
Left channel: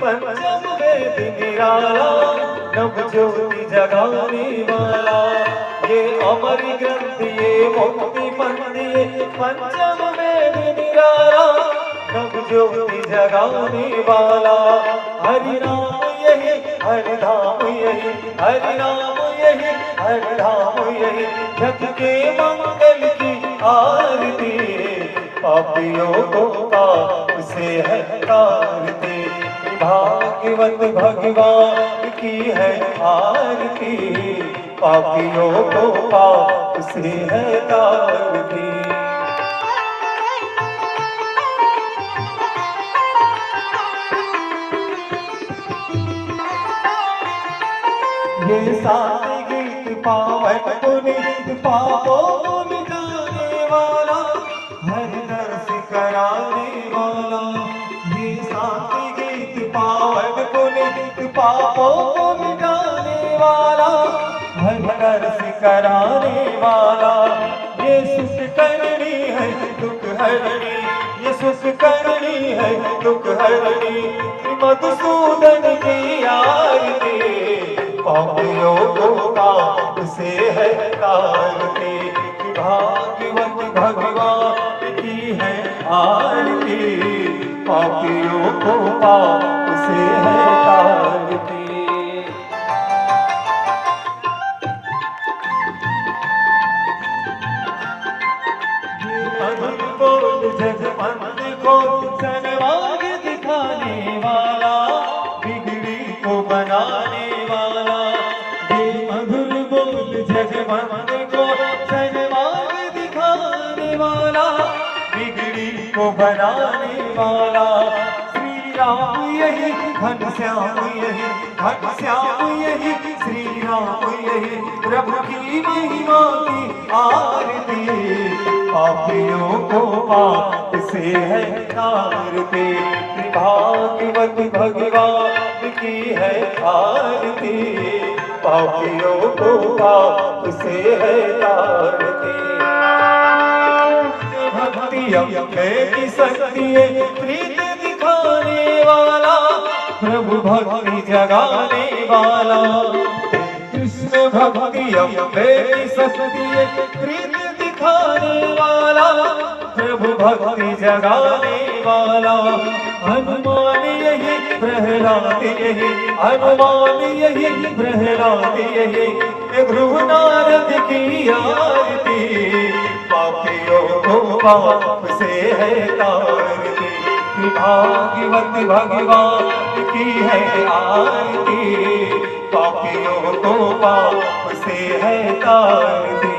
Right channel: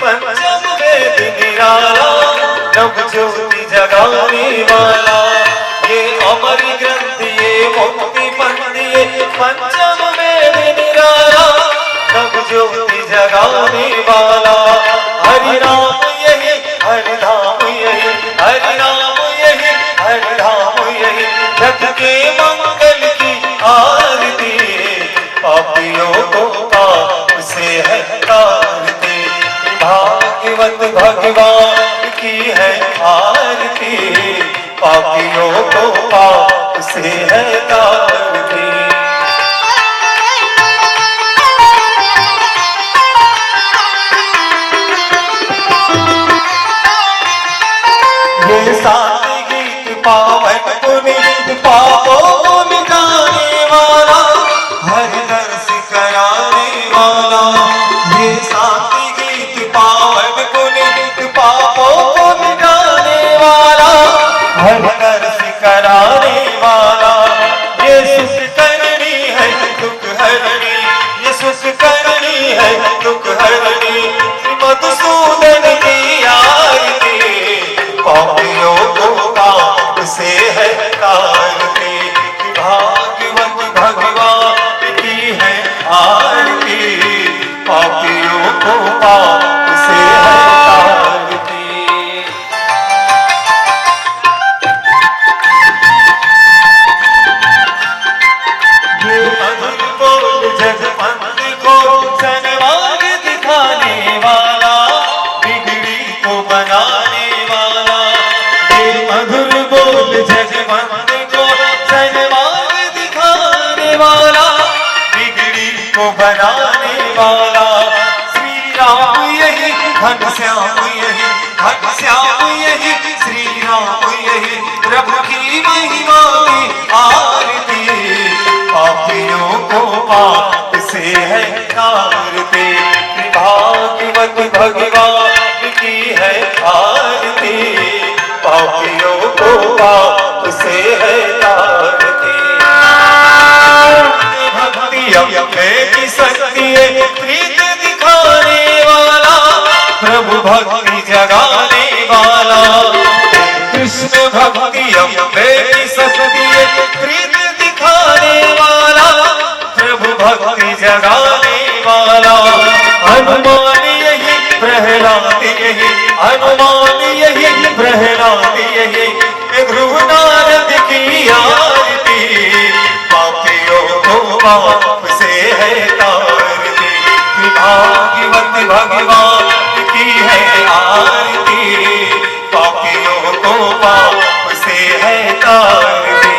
पंचम वेद निराला, नव ज्योति जगाने वाला। ये अमर ग्रंथ ये मुक्ति पंथ, ये पंचम वेद निराला, नव ज्योति जगाने वाला। हरि नाम यही, हरि धाम यही, हरि नाम यही, हरि धाम यही। जग के मंगल की आरती, पापियों को पाप से है तारती। भागवत भगवान की है आरती, पापियों को पाप से है तारती। ये सारे गीत पावन पुनीत पापों को मिटाने वाला, हर दर्श कराने वाला। ये सारे गीत पावन पुनीत पापों को मिटाने वाला, हर दर्श कराने वाला। ये सुख करनी है दुख हरनी, ये सुख करनी है दुख हरनी। श्री मधुसूदन की आरती पापियों को पाप से है तारती। भागवत भगवान की है आरती, पापियों को पाप से है तारती। ये मधुर बोल जगपंथ को सनमार्ग दिखाने वाला, बिगड़ी को बनाने वाला। ये मधुर बोल जगपंथ को सनमार्ग दिखाने वाला, बिगड़ी को बनाने वाला। श्री राम यही घनश्याम यही, घनश्याम यही श्री राम यही, प्रभु की महिमा की आरती। पापियों को पाप से है तारती। भागवत भगवान की है आरती, पापियों को पाप से है तारती। भक्ति अम्बे की शक्ति है, प्रीत दिखाने वाला, प्रभु भक्ति जगाने वाला। कृष्ण भक्ति अम्बे की शक्ति है, प्रीत दिखाने वाला, प्रभु भक्ति जगाने वाला। हनुमान यही प्रहलाद यही, हनुमान यही प्रहलाद यही, ध्रुव नारद की आरती। पापियों को पाप से है तारती। भागवत भगवान की है आरती, पापियों को पाप से है तारती।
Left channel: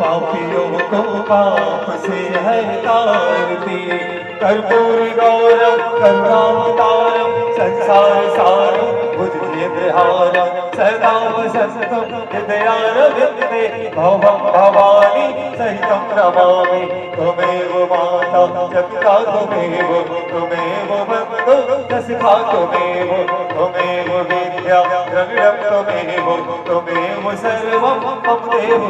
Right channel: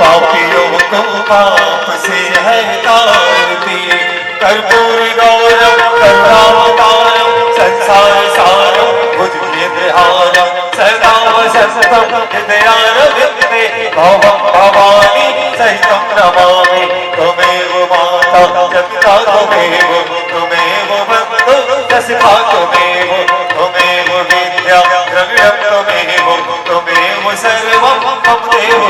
पापियों को पाप से है तारती। कर्पूर गौरव करुणावतारम, संसार सारम भुजगेन्द्रहारम, सदा वसंतम हृदयारविंदे, भवं भवानी सहितं नमामि। त्वमेव माता च पिता त्वमेव, त्वमेव बन्धु च सखा त्वमेव, त्वमेव विद्या द्रविणं त्वमेव, त्वमेव सर्वं मम देव।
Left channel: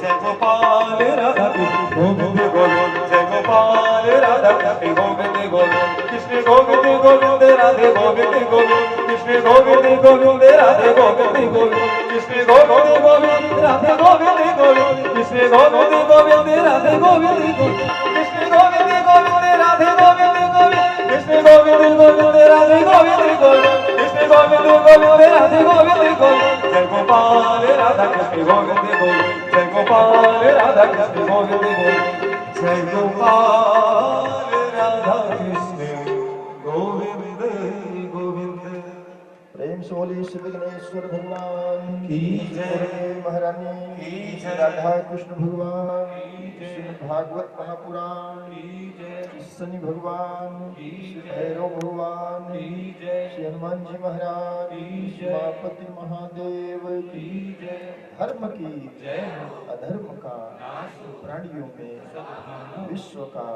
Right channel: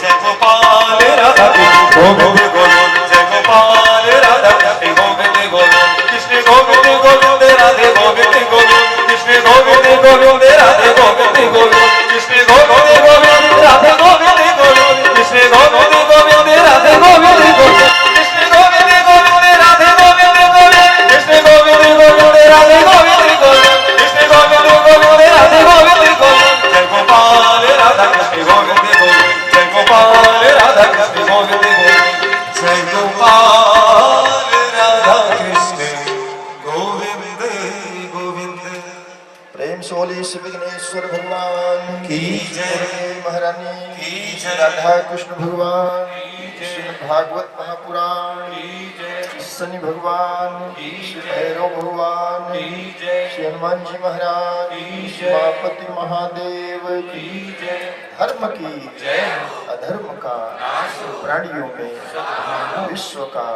जय गोपाल राधा गोविंद गोविंद, जय गोपाल राधा गोविंद गोविंद, कृष्ण गोविंद गोविंद राधे गोविंद गोविंद, कृष्ण गोविंद गोविंद राधे गोविंद गोविंद, कृष्ण गोविंद गोविंद राधे गोविंद गोविंद, कृष्ण गोविंद गोविंद राधे गोविंद गोविंद, कृष्ण गोविंद गोविंद राधे गोविंद गोविंद, कृष्ण गोविंद गोविंद राधे गोविंद गोविंद, कृष्ण गोविंद गोविंद राधे गोविंद गोविंद। जय गोपाल राधा कृष्ण गोविंद गोविंद, जय गोपाल राधा कृष्ण गोविंद गोविंद, जय गोपाल राधा कृष्ण गोविंद गोविंद। प्रेम से बोलिए श्री विघ्नेश्वर भगवान की जय, महारानी की श्री जय, राधा कृष्ण भगवान, की जय, श्री भागवत महापुराण, की जय, शनि भगवान, की श्री जय, भैरव भगवान, की जय, श्री हनुमान जी महाराज, की श्री जय, मापति महादेव की की जय, धर्म की जय, अधर्म का प्राणियों में विश्व का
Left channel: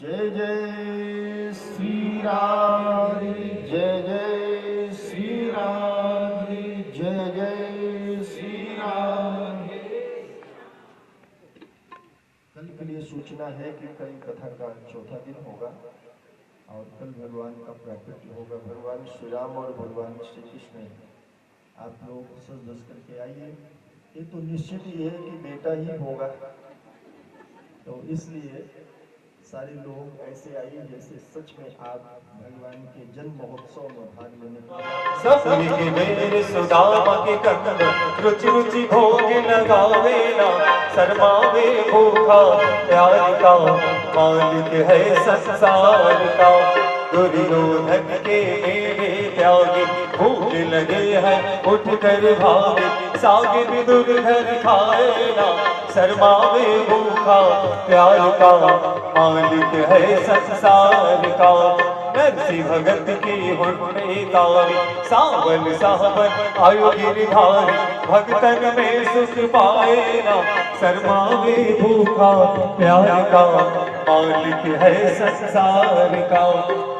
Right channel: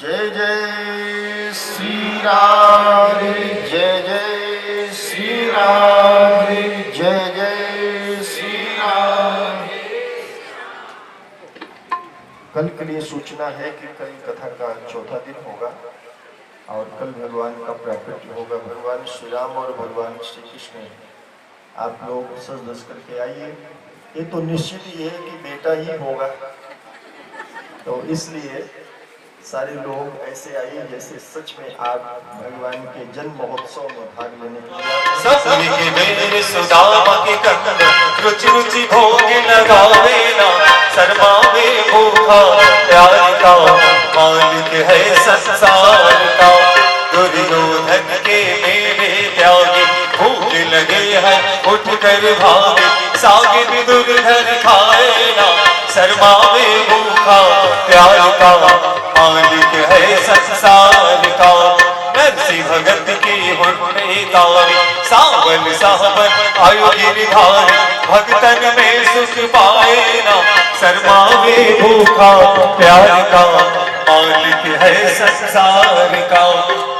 जय जय श्री राम, जय जय श्री राम, जय जय श्री राम। कल के लिए सूचना है कि कल कथा का चौथा दिन होगा और कल भगवान का प्राकट्य होगा। भगवान श्री राम और भगवान श्री कृष्ण, आप लोग सज धज करके आइए। ये तो निश्चित ही है कि बेटा ही होगा, तो इसलिए सारे लोग ऐसे आइए जैसे सच में आप भगवान के जन्म महोत्सव में भाग लेने के लिए। सब मेरे सुदामा के कंद, रुचि रुचि भोग लगावेला, शर्मा में भूखा प्यार का मालिक है संसार का। दुर्योधन के मेरे त्यागी भूख लगे है उठ कर भागे, सागिर दुर्धर खाए ना, शर्मावे भूखा प्यार का, मालिक है संसार का। नरसी भगत की हुन्ने तारी, सावन सावन आयु गिरधारी, भगतन में सुख पाए ना, शर्मावे भूखा प्यार का, मालिक है संसार का।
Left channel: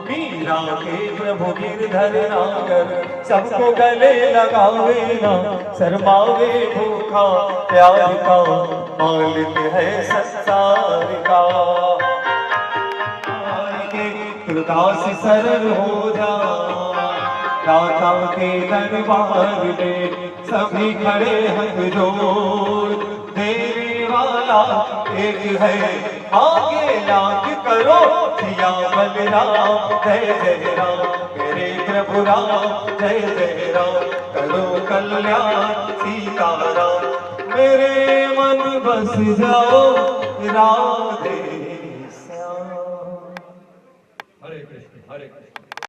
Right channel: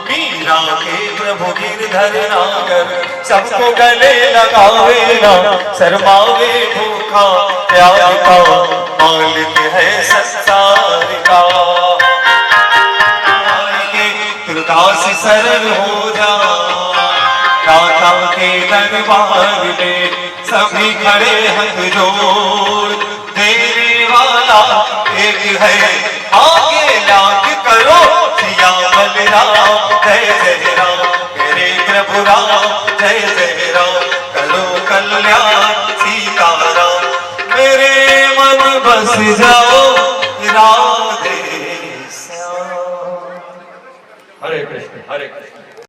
मीरा के प्रभु गिरधर नागर, सबको गले लगावे ना, शर्मावे भूखा प्यार का, मालिक है संसार का। दास सरल हो जा, दाता के दरबार में सभी खड़े हाथ जोड़, देने वाला एक है, आगे लाख करो सिया बलराम, जय जय राम मेरे प्रभु राम, जय जय राम करो कल्याण सीताराम, मेरे मन बस जाओ राधे श्याम। हरे कृष्ण हरे कृष्ण।